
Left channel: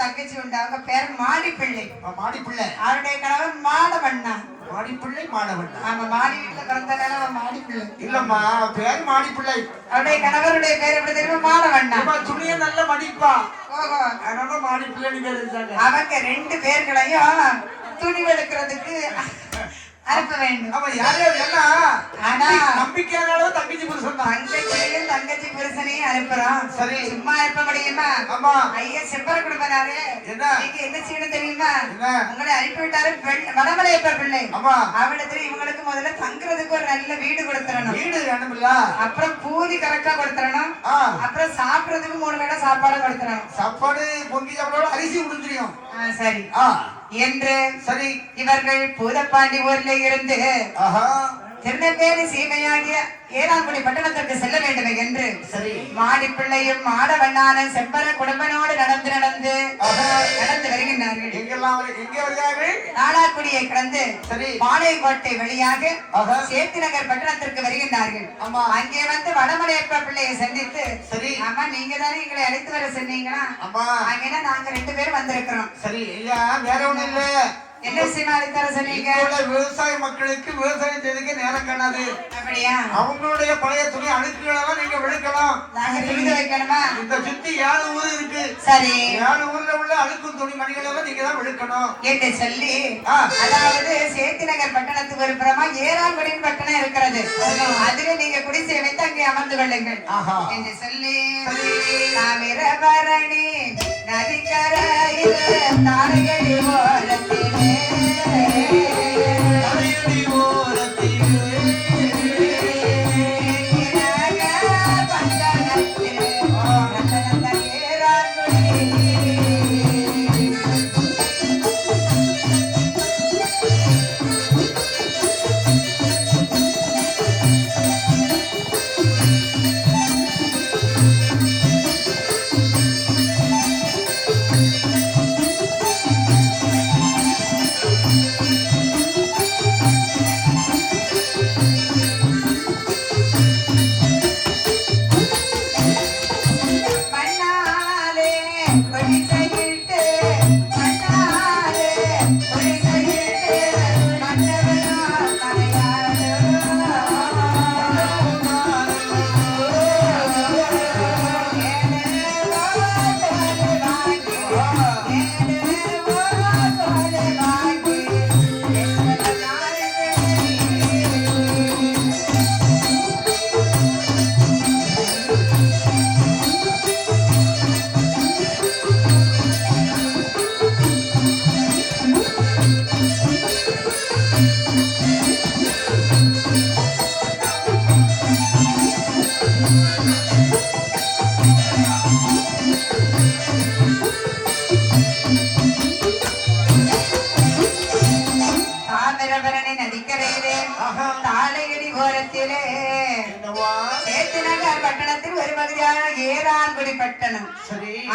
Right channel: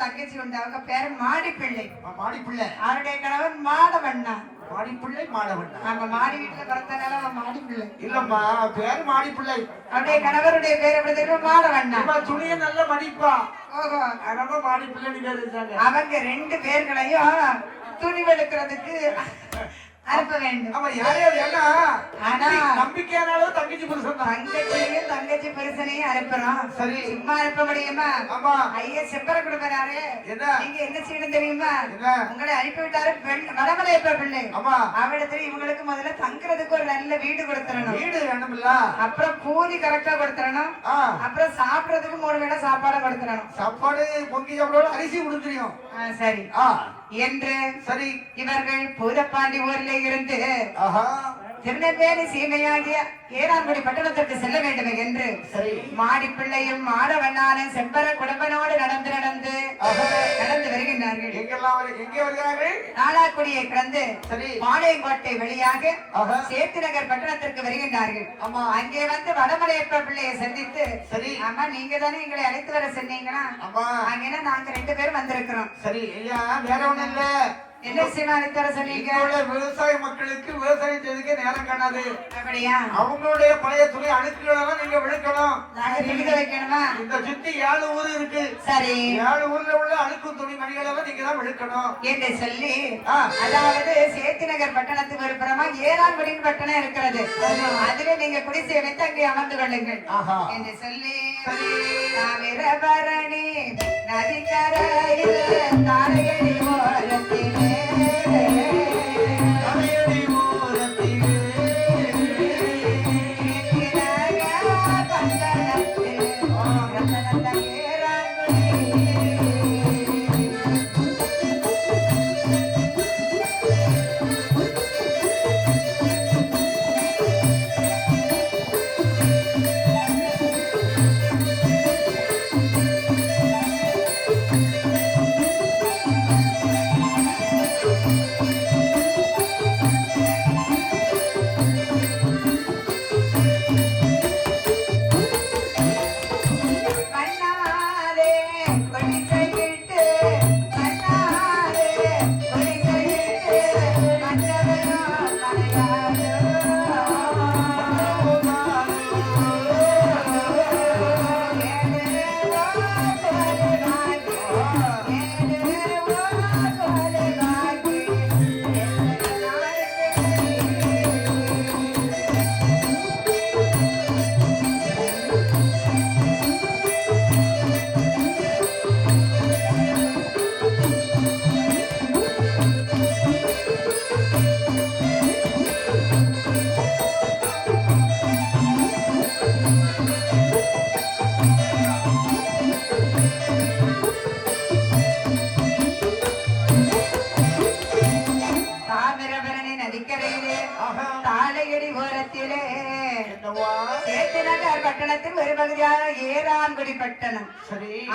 தங்கச்சி உண்டு. அவங்க பேர் மாடிப்பிள்ளை. மாடிப்பிள்ளை. அவருடைய கணவன் மாடவண்ணா. மாடிப்பிள்ளை மாடவண்ணா. அவங்க மாடி வீட்டுல பிறந்தனால மாடிப்பிள்ளை. இல்லம்மா பேர் மாடிப்பிள்ளை. அவருடைய கணவருடைய பேர் எப்படி தெரியுமா? மாடவண்ணா. துணியை நல்ல மடிப்பா. அதனால மாடிப்பிள்ளை பேர் இருக்காங்க. அவங்க ரெண்டு பேர்களையும் துணி எடுக்கிறதுக்கு அனுப்ப வேண்டும். ஆமா யாரோ ஆனா நம்பிக்கையானோ தங்கச்சி புருஷன். தங்கச்சியும் தங்கச்சி புருஷனையும் சொல்லி அனுப்புறோம். சரி. சும்மா இருப்ப முடியுமா? ஆமா. ஐயா செம்பர குடும்பனாரு. என்ன? நீங்க என்ன செய்யணும் தெரியுமா? என்ன? உங்களை அனுப்பிவிட்டாரு வடமலையப்ப பிள்ளை. ஆமா. அவரிடத்துல இவங்களுக்கு முதல்ல தங்குறதுக்கு ஒரு நல்ல வீடு கொடுத்துறணும். வீடு வேணும்ல. அப்புறம் பூரி கரெக்டா கொடுத்துறணும். அப்புறம் சாப்பிடுறதுக்கு 3 வேளை சாப்பாடு கொடுத்துறணும். சாப்பாடு பொங்கி சாப்பாடு அரிசி முடிஞ்சிடும். சரி. என்று சரி. இவர்கள் பூதப்பாண்டி ஊர்ல இருந்து திருநெல்வேலி சீமையாகிய ஏனாங்குடி பட்டணத்திற்கு செல்ல வேண்டும் என்று மாடிப்பிள்ளையும் மாடவண்ணான செம்பர குடும்பனோடு நடந்து வருகின்றார்கள். நாடாக்குடியை கடந்து பாளையங்கோட்டை வழியாக சேத்திநகர் பட்டணத்திற்கு வருகின்றார்கள். அங்கே வந்து வடமலையப்ப பிள்ளையை சந்தித்து, அம்மா நீங்க தானே எங்களை அழைத்து வர சொன்னீங்களா? அங்கேதான் நாங்க 2 பேரும் வந்திருக்கிறோம். சரி. வேற ஒண்ணு இல்ல. என்ன விஷயமா அழைத்து வர சொன்னீங்க? விவசாய மக்களுக்கு விவசாயம் செய்துக்க நேரம் காணாது. அப்படியா? அவங்களுடைய பழைய துணி அழுக்குகளை தான் நீங்க விழுக்கணும். நாங்க துணி வைக்கணுமா? இந்த சுத்தி 7 ஊர் இருக்கு. சரி. 7 ஊர்ல உள்ள அழுக்கும் துணி மணிகளை நீங்க தான் விழுக்கணும் என்று சொல்லி, அதாவது சேத்திநகர் பட்டணத்துக்கு ஒரு புறமா ஏராங்குடியின் பட்டணம் இருக்கிறது. அதுல நீங்க குடிசை வைத்து அங்கே அமர்ந்து கொள்ளுங்கள் என்று சொல்லி, தாமிரபரணி நதிக்கரையில் தாரையடி ஓரத்திலே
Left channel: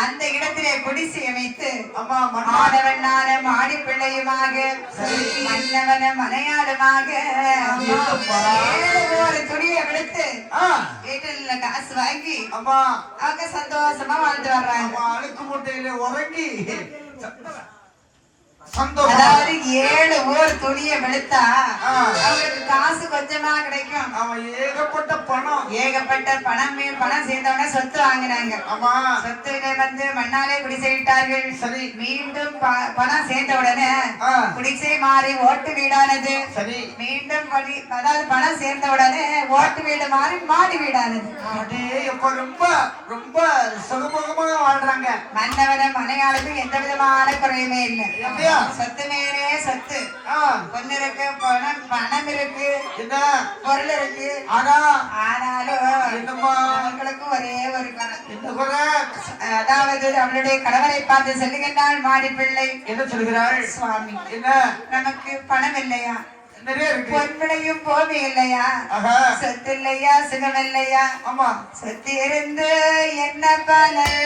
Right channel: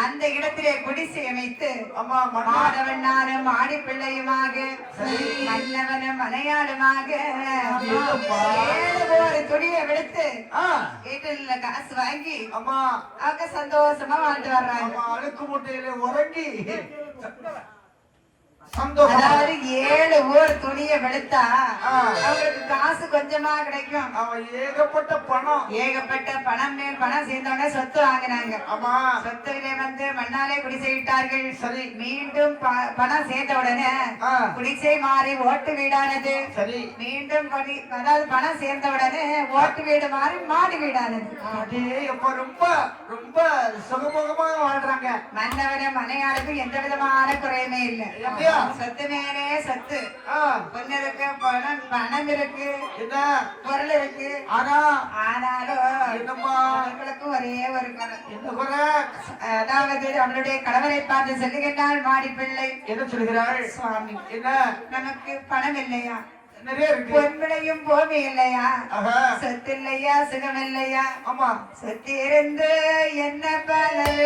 அந்த இடத்திலே குடிசை அமைத்து மாணவனான மாடிப்பிள்ளையுமாக மன்னவன மனையாளுமாக ஒரு துணியை விடுத்து வீட்டுல காசு வாங்கி அவங்க சந்தோஷமா வாழ்ந்து வர்றாங்க. அழுக்கு முட்டையில உறங்கி அதாவது 7 ஊர் துணியை வெளுத்தா அவங்களுக்கு காசு கொஞ்சமா கிடைக்கும். ஏகப்பட்ட பணம் பணம் சேர்ந்தவன சொத்து வாங்கினாங்க. சொத்து வந்து மண்ணாலே குடிசையிட்டார்கள். சரி. மீண்டும் பணம் சேர்ந்த உடனே குடிசை மாறி ஓட்டு வீடானது. சரி. மீண்டும் அதாவது பணம் சேர்ந்த உடனே ஓட்டு வீடு மாறி மாடி வீடானது. ரொம்ப ரொம்ப சுகமுகமாக வாழ்றாங்க. மன்னவன மனையாளுக்கு எந்த விதமான குறையுமே இல்லை. சொத்து மேலே சொத்து, பொண்ணு இருக்கு, பணம் இருக்கு, பொருள் இருக்கு. ஆனாலும் அவர்களுக்கும் ஒரே ஒரு குறை. அதாவது அவளுடைய கணவரை பார்த்து சொல்லுகிறாள் மாடிப்பிள்ளை. என்ன சொல்கிறாள்? சுவாமி, என்ன நமக்கு பணம் இல்லையா? நிறைய இருக்கு. பொன்மனையும் பூமி இல்லையா? சொத்து இல்லையா? சுகம் இல்லையா? சொத்து இருந்து என்ன பலன்?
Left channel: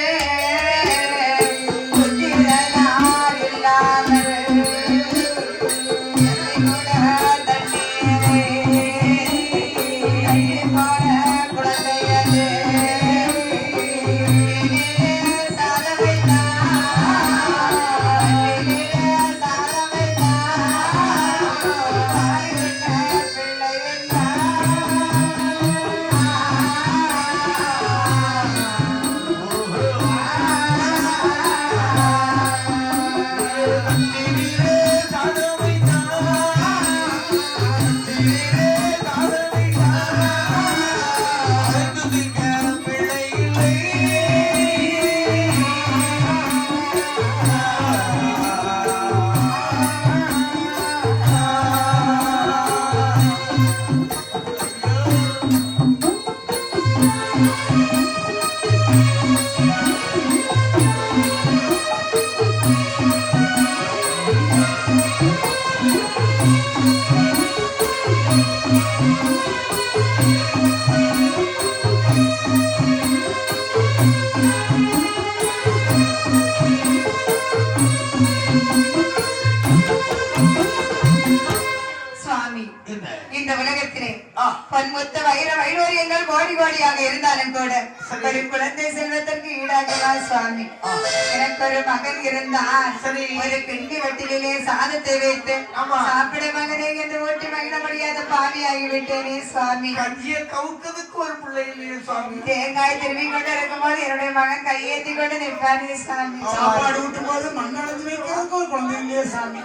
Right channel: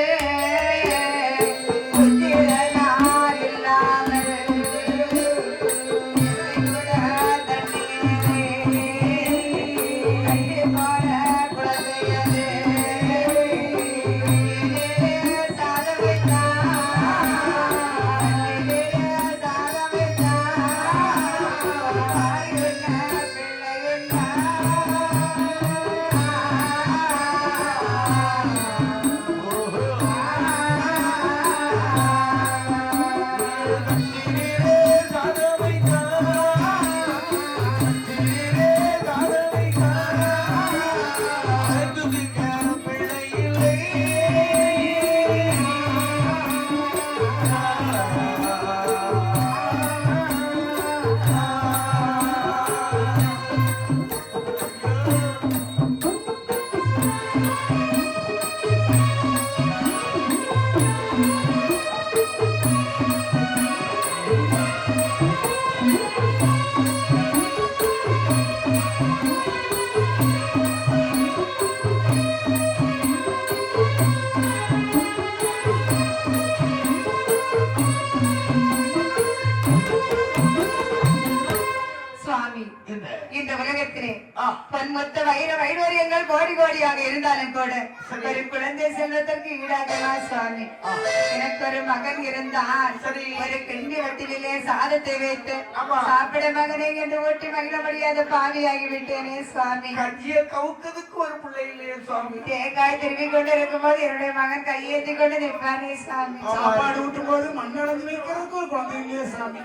சுவாமி என்ன? இந்த உலகத்திலே ஆ. பன்மொத்த வைர வைடூரியங்கள் கோடி கோடியாக இருந்தாலும் கூட சரி. ஒரு குழந்தை செல்வதற்கு ஈடாகவா சுவாமி ஆ. எனக்கு ஒரு மகன் இருந்தால் சரி. ஒரு பெண்ணி வட்டிலே சாதத்தை வைத்து ஆமா. சாப்பிட மகனே என்று ஓட்டி மகிழ முடியாத பாவியாகி விட்டேனே சுவாமி கஞ்சிய கவுக்கிறதுக்கு ஒரு பிள்ளை இல்லையே சுவாமி. தேங்காய் திரும்பி கொண்டு இருக்கும்போது என்னுடைய மகன் கையேற்றி கொண்டு நிற்பானே சுவாமி சாப்பாடு ஊட்டும் போது மண்ணளந்து வைக்கிறதுக்கு ஒரு குழந்தை இல்லையே சாமி.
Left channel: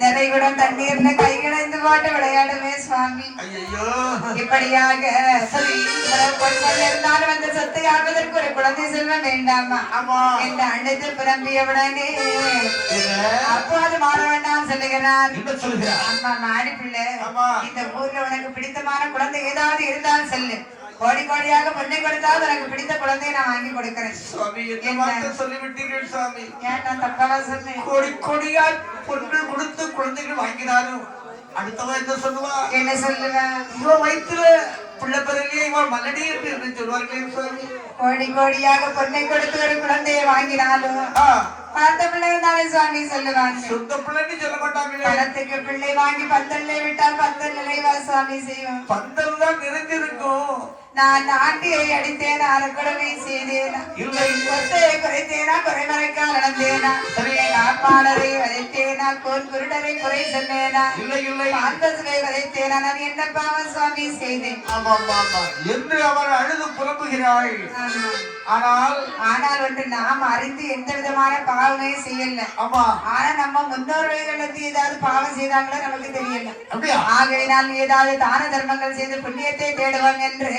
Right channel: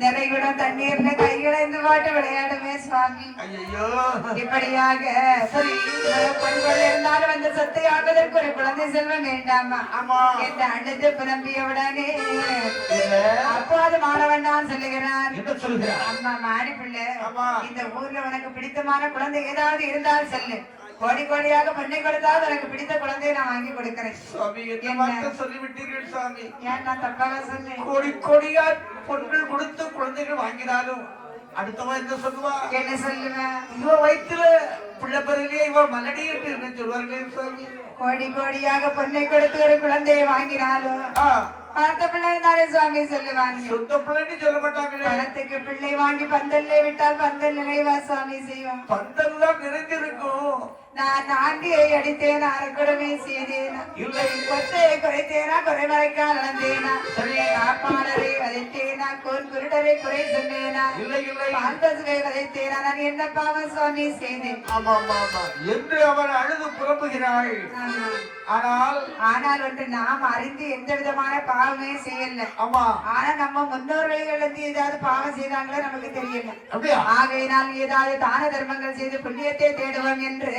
நிறைய குடம் தண்ணீர்ல கைகளேந்து போட்டு விளையாடுமே சுவாமி ஐயோ. இப்படியாக சரி இருந்தாலும் அந்த சொத்தை ஆவதற்கு ஒரு குழந்தை செல்வம் வேண்டாமா ஆமா. என்று அழைத்து பிறம்பியவுடனே அப்போது மாற வேண்டாம் சொல்லுகிறார் என்ன சொல்லுகிறார்? அம்மா மாடி பிள்ளை ஆமா. இந்த ஊர்ல உனக்கு பிடித்தமான குழந்தை ஏதாவது இருந்தால் சொல்லு கோடி கோடியாக பொண்ணை கொடுத்தால் எனக்கு பிடித்த குழந்தையை நான் வாங்கி கொடுக்கிறேன் சுவாமி என்ன வார்த்தை சொல்லிவிட்டீர்கள் சுவாமி. ஏன் நான் தப்பாக சொன்னேன் கோடி கோடியா பொருட்கள் கொடுத்து குழந்தைகள் வாங்கினாலும் அடுத்தவன் என்ன சொல்லுவா? என்ன சொல்லுவேன் இவன் வயிற்றுல பிள்ளை பிறகு இவன் மல்லடி என்று என்ன சொல்வார்களே சுவாமி. கோடி கோடியாக பொண்ணை கொடுத்து ஒரு குழந்தையை வாங்கினாலும் ஆ, பார்த்த பிள்ளை தானே சுவாமி சொல்லுவாங்க சொந்த பிள்ளைன்னு சொல்ல மாட்டாங்களே. பணத்துக்கு பிள்ளை வாங்கி பந்தல்ல விட்டால் பந்தல் நிறைவா சுவாமி செய்வோம் பந்தல் தான் நிறைஞ்சிருக்கும். நான் ஆண்டியை அடித்தேன் அரக்கடமை செய்தேன் இல்லை. கொத்தையை குறைத்தேனா குறைமறைக்கால் நடந்தேனா சரி. காப்பாளரை வதைத்தேனா கோன் குருடரை குறை சொன்னேனா இல்லை இல்லை. பால்பசுவை வதைத்தேனா நான் என்ன பாவம் சுவாமி செய்தேன் ஆமா ஆமா ஆமா என்று அவன் அழுது புலம்புகிறாள். ஆமா. ஆனால் ஆனால் ஒன்று நாம் அறிந்து எந்த விதமான பாவமையும் செய்யல ஆமா. ஆனா நம்ம முன்னோர்களுக்கு ஏதாவது பாவம் செய்தாங்களோ நமக்கு தெரியல அப்படியா? ஆகையினால் ஏதாவது தான தர்மங்கள் செய்து புண்ணியத்தை தேடுவோம் என்று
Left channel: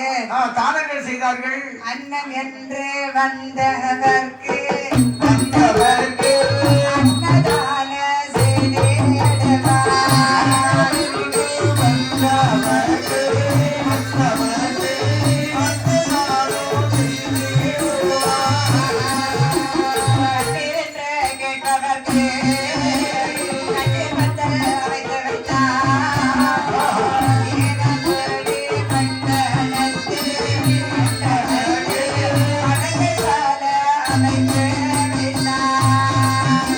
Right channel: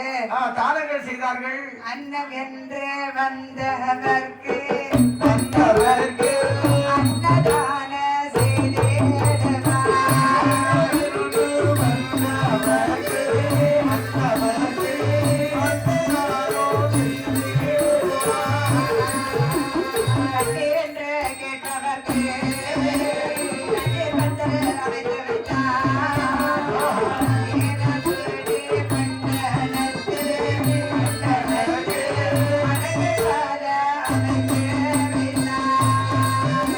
தானங்கள் செய்தார்கள். அன்னம் என்று வந்தவர்க்கு வந்தவர்க்கு அன்னதான செய்தேடுவார். என்று கேட்டவர்க்கு அங்கே வந்த வைத்து வைத்தார். ஏனபடி கண்டனத்தே அடங்காத அமைத்து விட்டார்.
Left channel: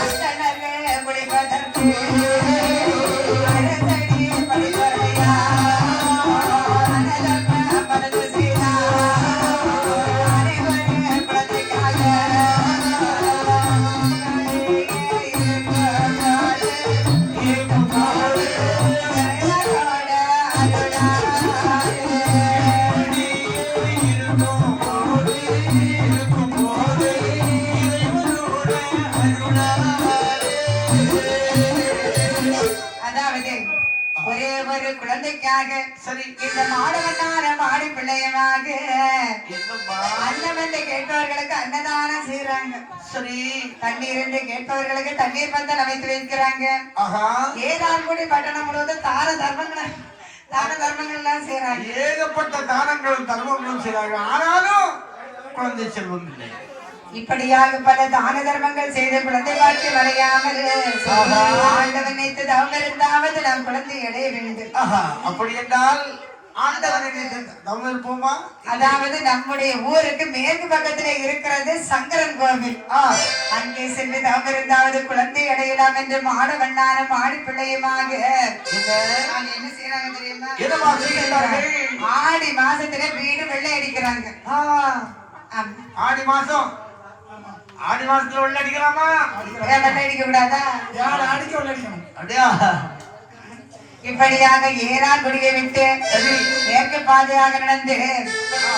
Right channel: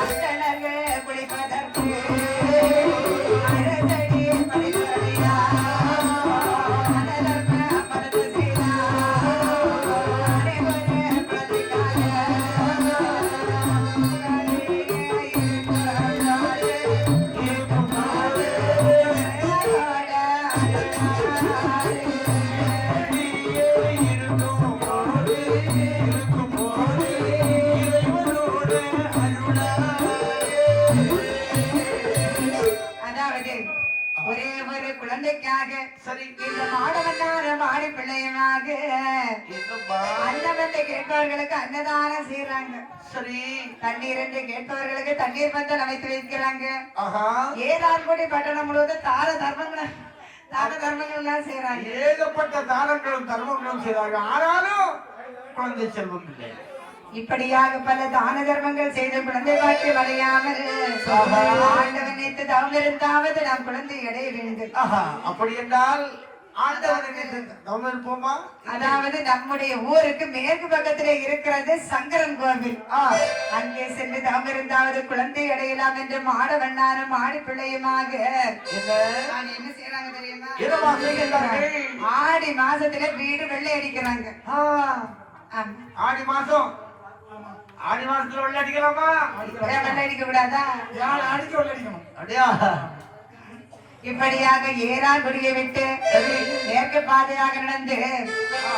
அத்தனவே குளிப்பதற்கு அழகடி படிப்படையா அனதர்ம பரது செய்தா அனைவரே பிரதிக்காக அதாவது ஒரே ஒரு குழந்தைக்காக சரி. இந்த மாடவனார மாடி பிள்ளையமாக என்னம்மா? அன்னம் வந்து கேட்பவர்களுக்கு அன்னதானம் செய்யறாங்க சரி. தண்ணீர் என்று கேட்பவர்களுக்கு தண்ணீர் பந்தல் அமைத்து வைக்கிறாங்க ஆஹா. ஏதான்குடி பட்டணம் முழுவதும் தான தர்மங்கள் எல்லாம் செய்யறாங்க ஏகப்பட்ட தானங்களும் தர்மங்களும் செய்தார்கள். ஆனாலும் குழந்தை செல்வம் இல்லை. இப்படியாக பல தான தர்மங்கள் செய்த குழந்தை பாக்கியம் அடையாமல் ஆண்டவன் நினைத்து தவம் இருந்தாவது நாம் குழந்தை அடைய வேண்டும் ஆஹா. அப்படி என்றால் ஆண்டவனுக்கு தவம் இருப்போமா? அதாவது நம்முடைய ஊருக்கு மேற்கு பக்கத்திலே இருக்கிறது சங்கரன் கோவில் அங்கே சென்று தவம் இருந்தாவது குழந்தை அடையலாம் என்று மாடவண்ணான மாடு பிள்ளையுமாக நான் என்ன செய்யறாங்க தெரியுமா என்னமா செய்கிறார்கள்? ஆடி மாசத்துல வீடு வெள்ளை அடிக்கிறாங்க ஆமா. ஆடி மாசத்துல உள்ள அடிக்கலாமா? வெள்ளை அடிக்க கூடாதா யார் அடிக்க அடிக்கணும். அப்படியா? இப்படியாக ஏறாக்குடியை விட்டு மேற்கு பாதையாக நடந்து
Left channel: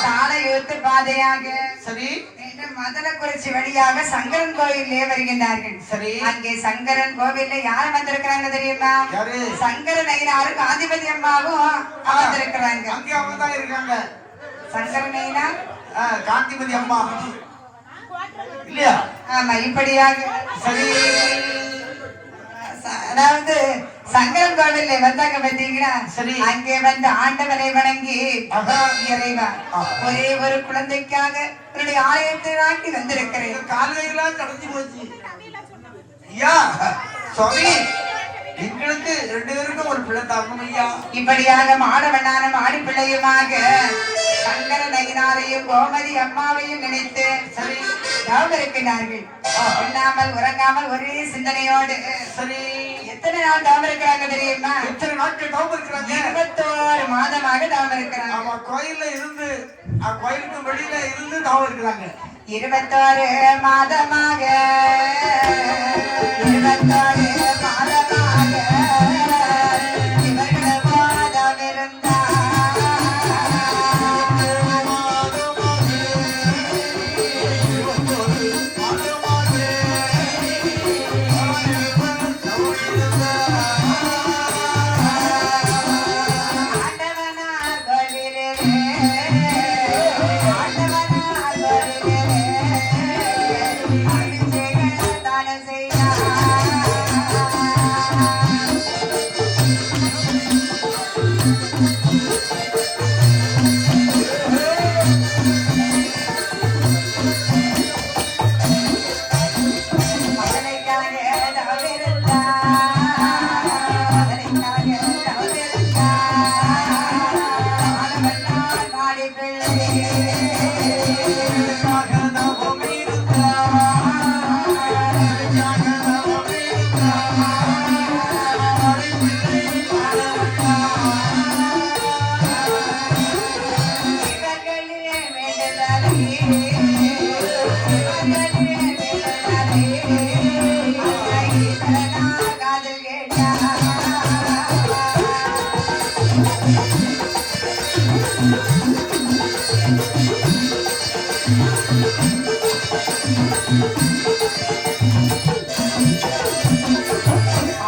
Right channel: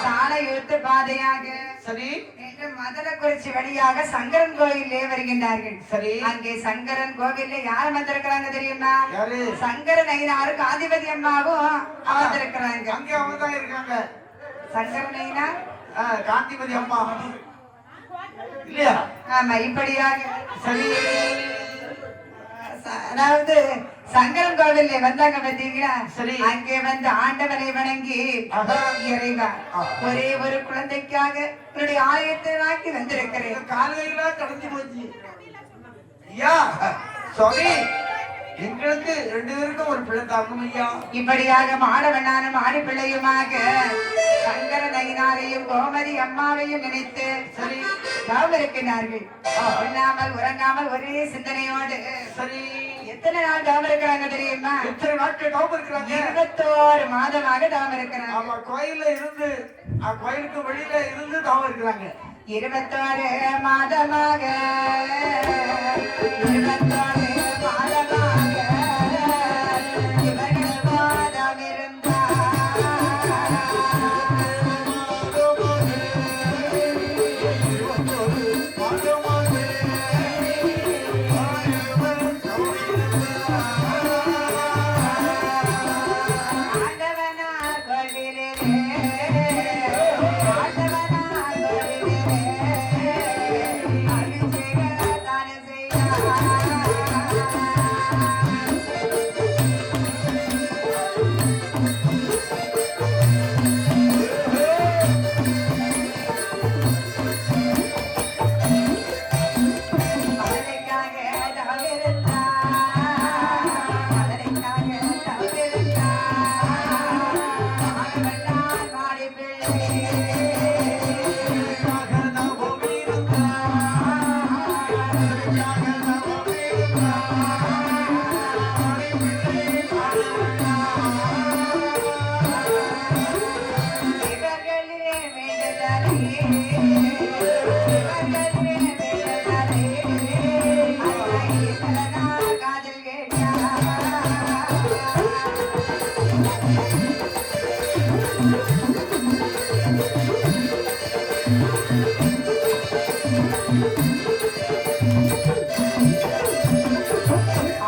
சாலை யுத்த பாதையாக சரி. நேற்று மதனக்குறிச்சி வழியாக சங்கரன் கோவிலே வருகின்றார்கள் சரி. அங்கே சங்கரன் கோவில்ல யார் வந்திருக்கிறாங்க தெரியுமா யாரு? சங்கரன் ஐயனாரும் காந்திமதி அம்மாவும் வந்திருக்கிறாங்க அங்கே அவங்க தான் இருக்காங்க. சங்கரன் ஐயனார் காந்திமதி அம்மா. இல்லையா? ஆமா இப்படியாக சரி. அதாவது சங்கரன் கோவில்ல வந்தாங்க பாத்தீங்கன்னா சரி. அங்கே வந்து ஆண்டவரை வணங்கி ஆஹா. இறைவா ஆ. ஒரே ஒரு குழந்தைக்காக என்னுடைய ஆலயத்தை நாட்டி வந்திருக்கிறேன். காலையெல்லாம் கடந்து போச்சு. ஐயா சுவாமி, எங்களுக்கு 2 பேருக்கும் ஒரு பிள்ளை தாக்கணும் ஐயா. இப்படியாக மாணவனான ஆடி பிள்ளையுமாக சங்கர நயினாரையும் கோமதி அம்மாவையும் நினைத்து சரி. தவம் இருக்கிறார்கள். உண்ணாமல் உறங்காமல் ஒரே சிந்தனையோடு சரி. எத்தனை நாள் தவம் இருக்கிறாங்க தெரியுமா? எத்தனை நாட்கள் தவம் இருக்கிறாங்க? 21 மாதமாக தவம் இருக்கிறாங்க. ஆமா, கோயில்ல இருந்து கோயிலுக்கு வெளியில இருந்து தவம் இருக்கிறாங்க. 21 மாதமாக 21 மாதமாக இவர்கள் பாதம்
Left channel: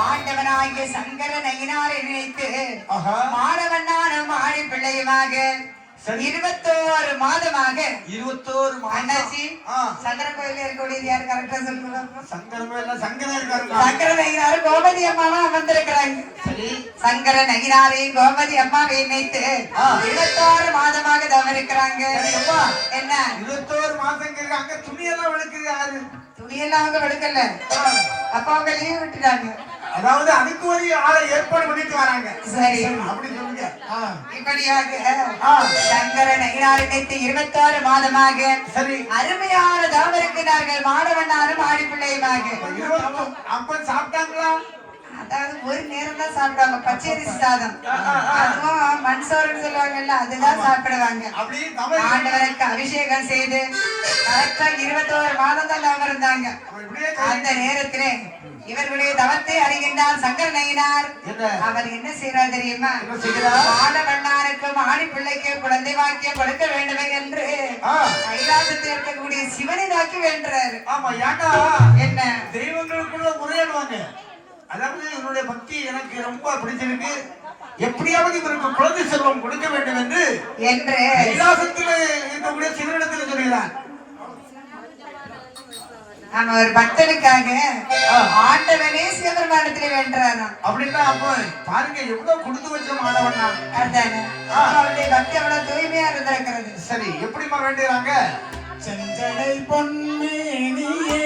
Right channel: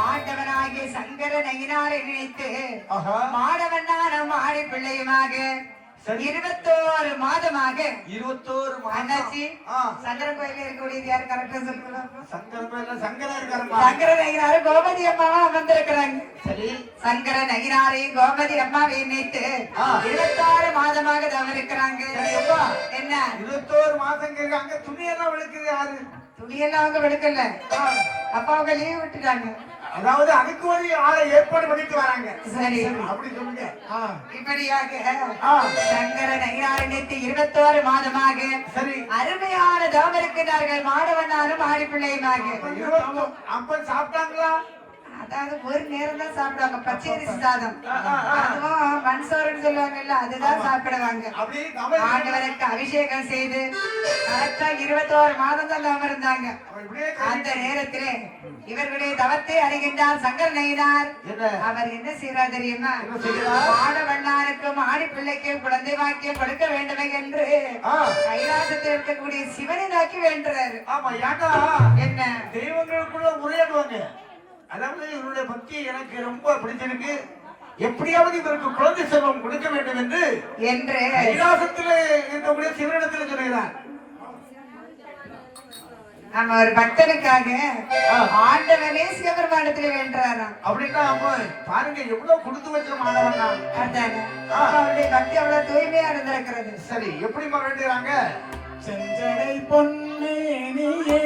ஆண்டவனாகிய சங்கர நயினாரை நினைத்து மாணவனான ஆடி பிள்ளையுமாக 21 மாதமாக 21 அண்ணாச்சி சங்கர கோயில இருக்கக்கூடிய யார் கரெக்டா சொல்லுங்க? சங்கர நயினார் கோமதி அம்மாவா வந்திருக்கிறாங்க. சரி. சங்கர நயினாரை கோமதி அம்மாவை நினைத்து 21 மாதமாக தவம் இருக்கிறாங்க. என்ன 21 மாசம் அங்க துணியெல்லாம் விளக்குது யாரு? துணியெல்லாம் அவங்க விடுக்கல, அப்ப அவங்க லீவ் விட்டுட்டாங்க. அதாவது அதுக்கு ஒரு ஆளை ஏற்பாடு பண்ணிட்டு வராங்க. சரி, அப்படி சொல்லுங்க. இப்படியாக சங்கர நயினாரை நினைத்து 21 மாதமாக சரி. அருமையான தவம் இருக்கிறார்கள். மாணவனாரும் ஆடி பிள்ளையுமாக. அப்ப சாப்பிட்டாங்களா? அதாவது ஒரு நேரம் தான் சாப்பிடுவாங்க, பச்சரிசி சாதம். அதுவும் மண் சோறுன்னு சொல்லுவாங்கல்ல, அதுதான் சாப்பிடுவாங்க. ஆண்டவருக்கு அபிஷேகம் செய்து கரெக்டா 21 மாதம் தான் தவம் இருந்தாங்க. அந்த நேரத்திலே இவர்களுடைய தவத்தை அறிகின்றார் சங்கர நயினார். அவர் என்ன செய்யறார் தெரியுமா? ஆடவண்ணாருக்கும் ஆடி பிள்ளைக்கு குழந்தை வாக்கியம் கொடுக்க வேண்டும் என்று கைலாசத்தில் இருக்கக்கூடிய சிவனை நோக்கி வேண்டுறாரு. ஆமா, ஏன்னா என்ன தெய்வங்களுக்குள்ள உரையாடுவாங்க. அதாவது என்னுடைய பக்தி எனக்கு ரொம்ப பிடிச்சிருக்கு, எப்படியாவது இவருக்கு குழந்தை செல்வம் கொடுக்க வேண்டும் என்று கைலாசத்தில் இருக்கக்கூடிய சிவனிடத்தில் சொல்கிறார். நம்ம ஒரு பக்தனுக்காக ஆண்டவனே சிவபெருமானிடத்தில் வேண்டாராம். அப்படின்னா அப்ப பாருங்க எவ்வளவு கொடுத்து வச்ச மாணவனா. அவருடைய பக்தி எவ்வளவு தூய்மையா இருந்திருக்கிறது. சரி, எப்படிமா வேண்டுறாங்க? செஞ்சடை பொன்னேனியே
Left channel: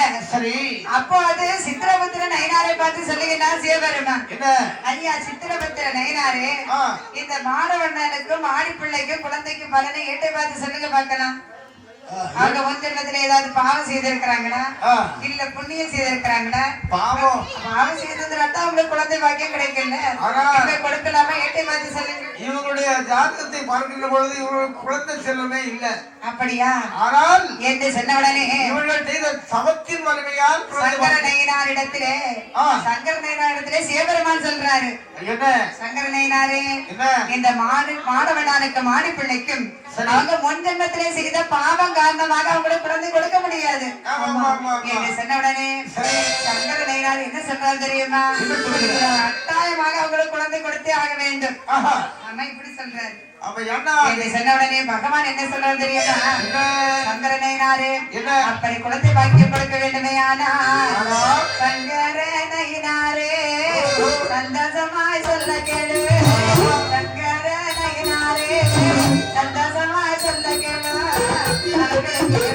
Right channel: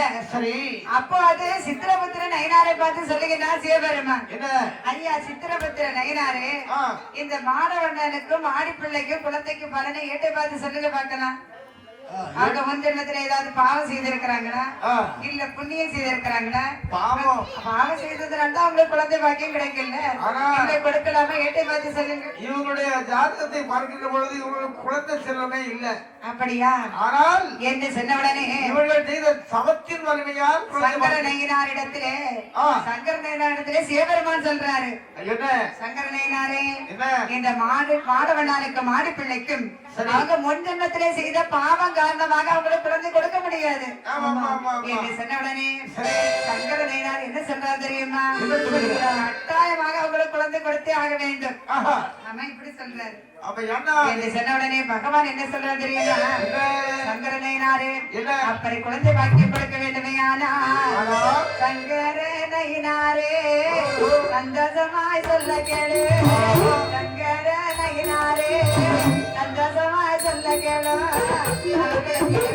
வந்த சரி அப்போ அது சித்திரபுத்திர நயினாரை பார்த்து சொல்லுகிறார் சிவபெருமான். என்ன ஐயா சித்திரபுத்திர நயினாரே, இந்த மாணவர்களுக்கும் ஆணிப்பிள்ளைக்கும் குழந்தைக்கும் பலனை ஏட்டை பார்த்து சொல்லுங்க பார்க்கலாம். அவங்க முன் ஜென்மத்துல ஏதாவது பாவம் செய்திருக்கிறாங்களா, இல்ல புண்ணியம் செய்திருக்கிறாங்களா? பாவம் செய்ததுனால அவங்களுக்கு குழந்தை பாக்கியம் கிடைக்கல. கொடுக்கலாமா? ஏட்டை பார்த்து சொல்லுங்க. இவருடைய ஜாதகத்தை பார்க்கின்ற பொழுது இவருக்கு குழந்தை செல்வமே இல்லை. அப்படியா? ஆனால் என்று சொன்னவுடனே இவர்கள் செய்த சமத்தின் வலிமையால் சங்கர நயினாரிடத்திலே சிவபெருமான் சொல்றாரு, சங்கர நயினாரே, இந்த மாணவனானுக்கு மாணி பிள்ளைக்கும் அவங்க முன் ஜென்மத்திலே செய்த பாவம் காரணமாக அவங்களுக்கு குழந்தை கொடுக்க முடியாது என்று சொன்னவுடனே சங்கர நயினார் என்ன சொல்றாரு தெரியுமா? கட்டாயமாக அவங்களுக்கு குழந்தை கொடுத்தே ஆக வேண்டும். ஆனா இப்படி சொல்றாரு. சொன்னவுடனே பகவான் என்ன சொல்றாரு தெரியுமா? சங்கர நயினாரே, அப்படி குழந்தை பாக்கியம் கொடுக்க வேண்டுமே. ஆனா சங்கர நயினாரே சந்தோஷமாய் சொல்ல கேளு, சங்கர நயினாரே சந்தோஷமாய் சொல்ல கேளு.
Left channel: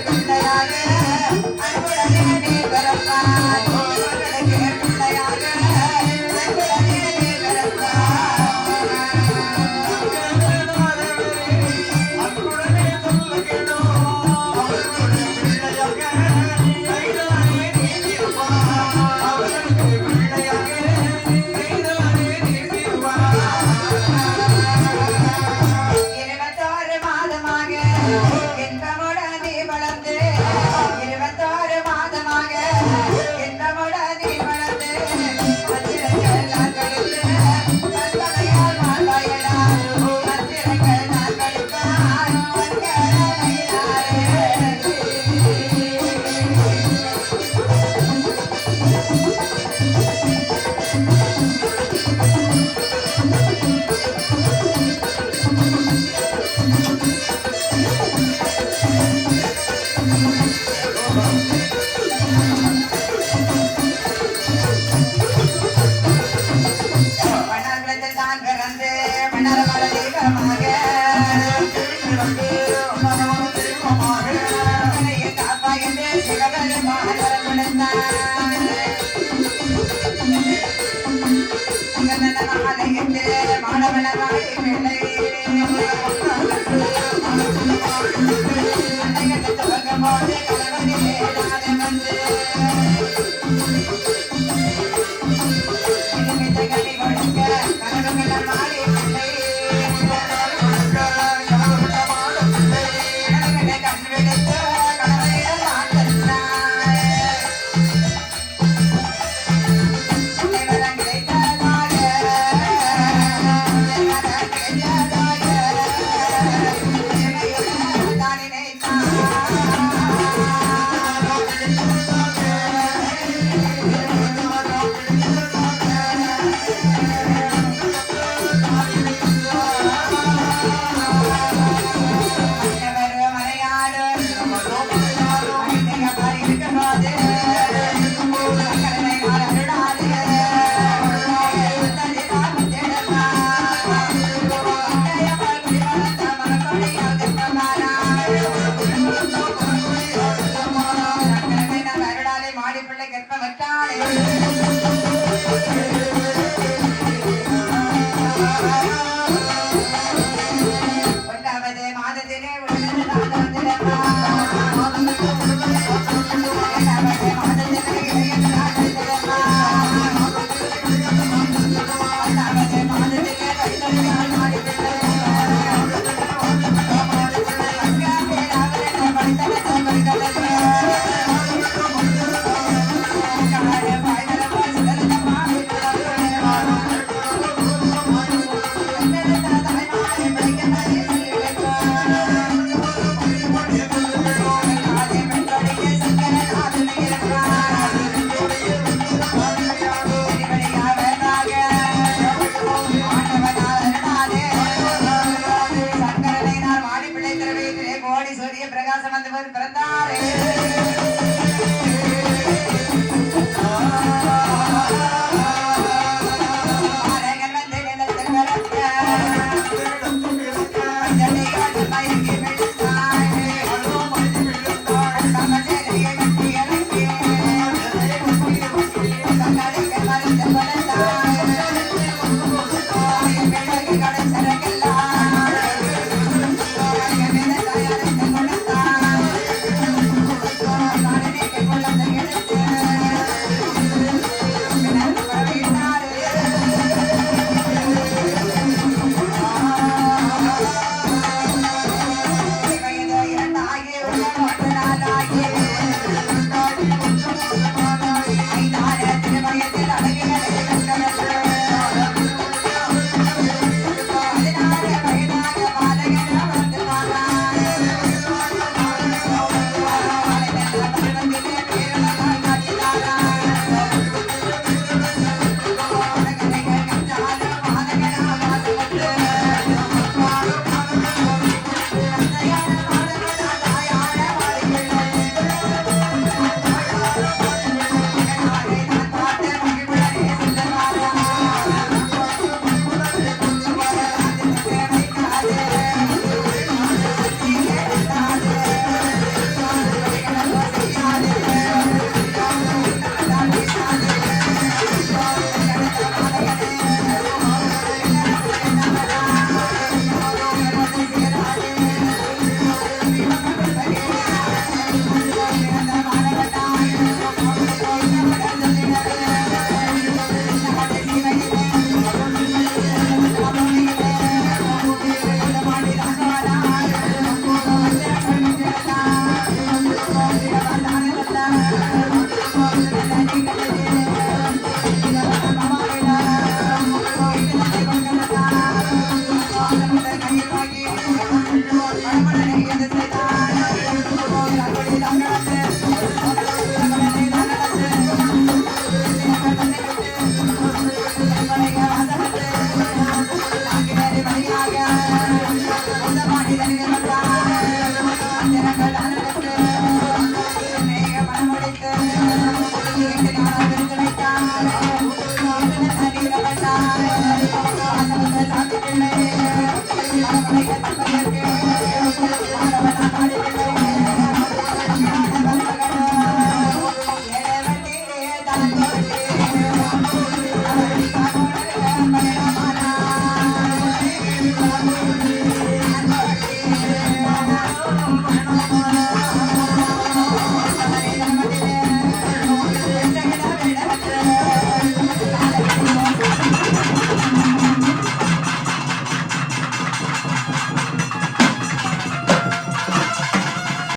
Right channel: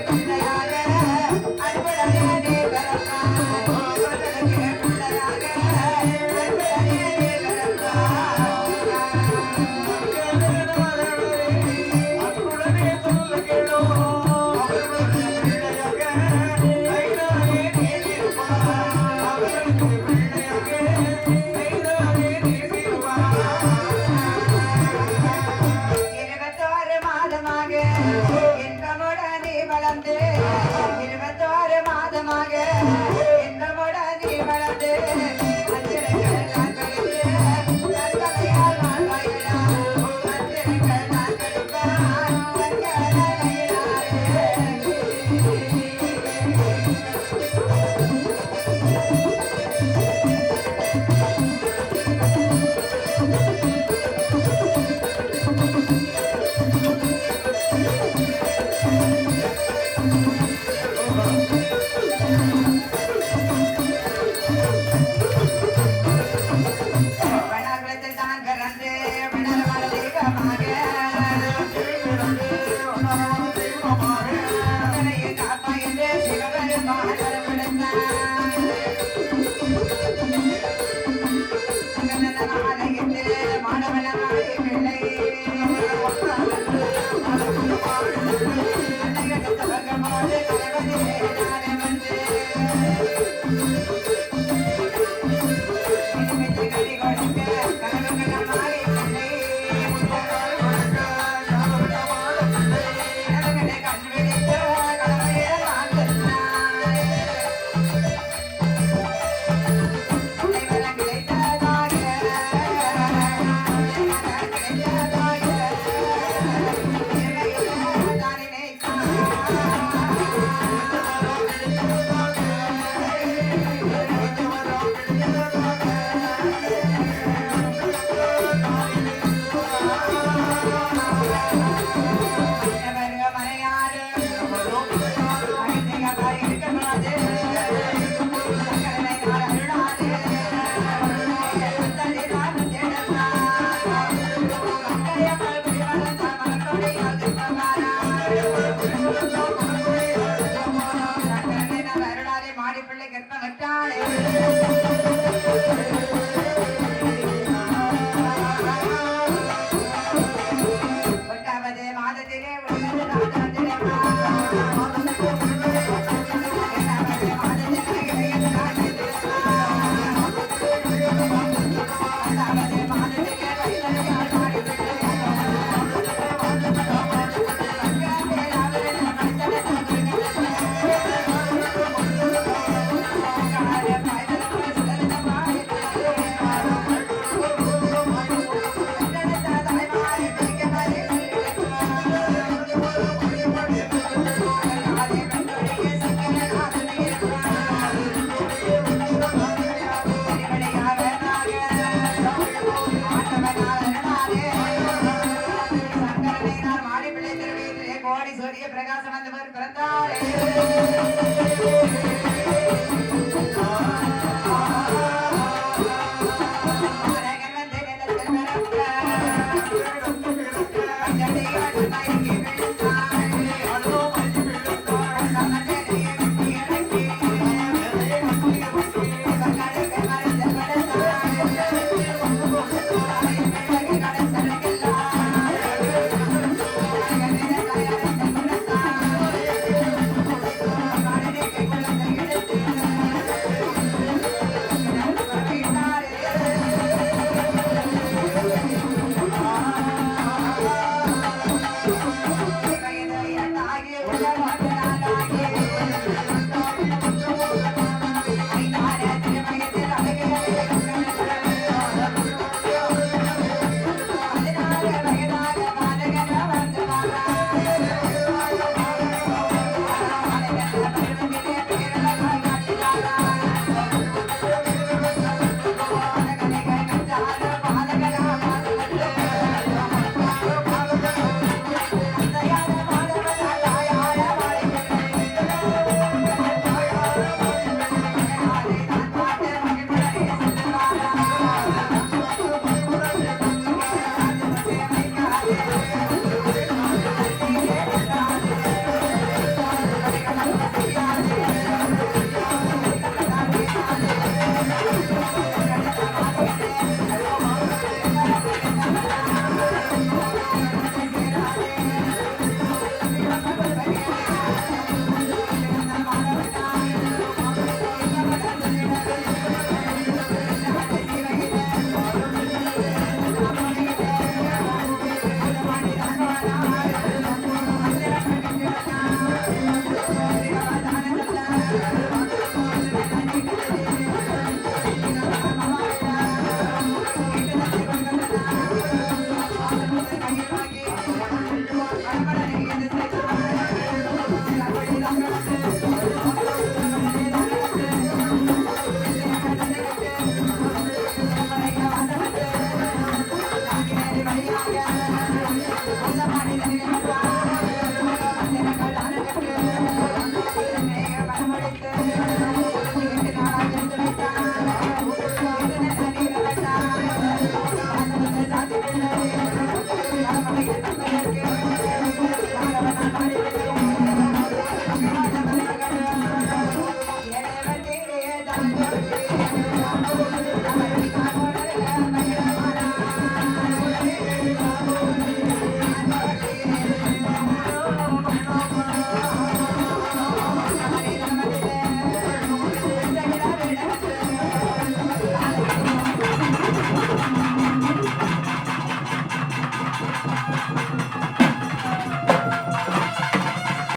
பிள்ளையாரே அன்புடனே நீ பிறப்பாய், பிள்ளையாரே அன்புடனே நீ பிறப்பாய். Thank you.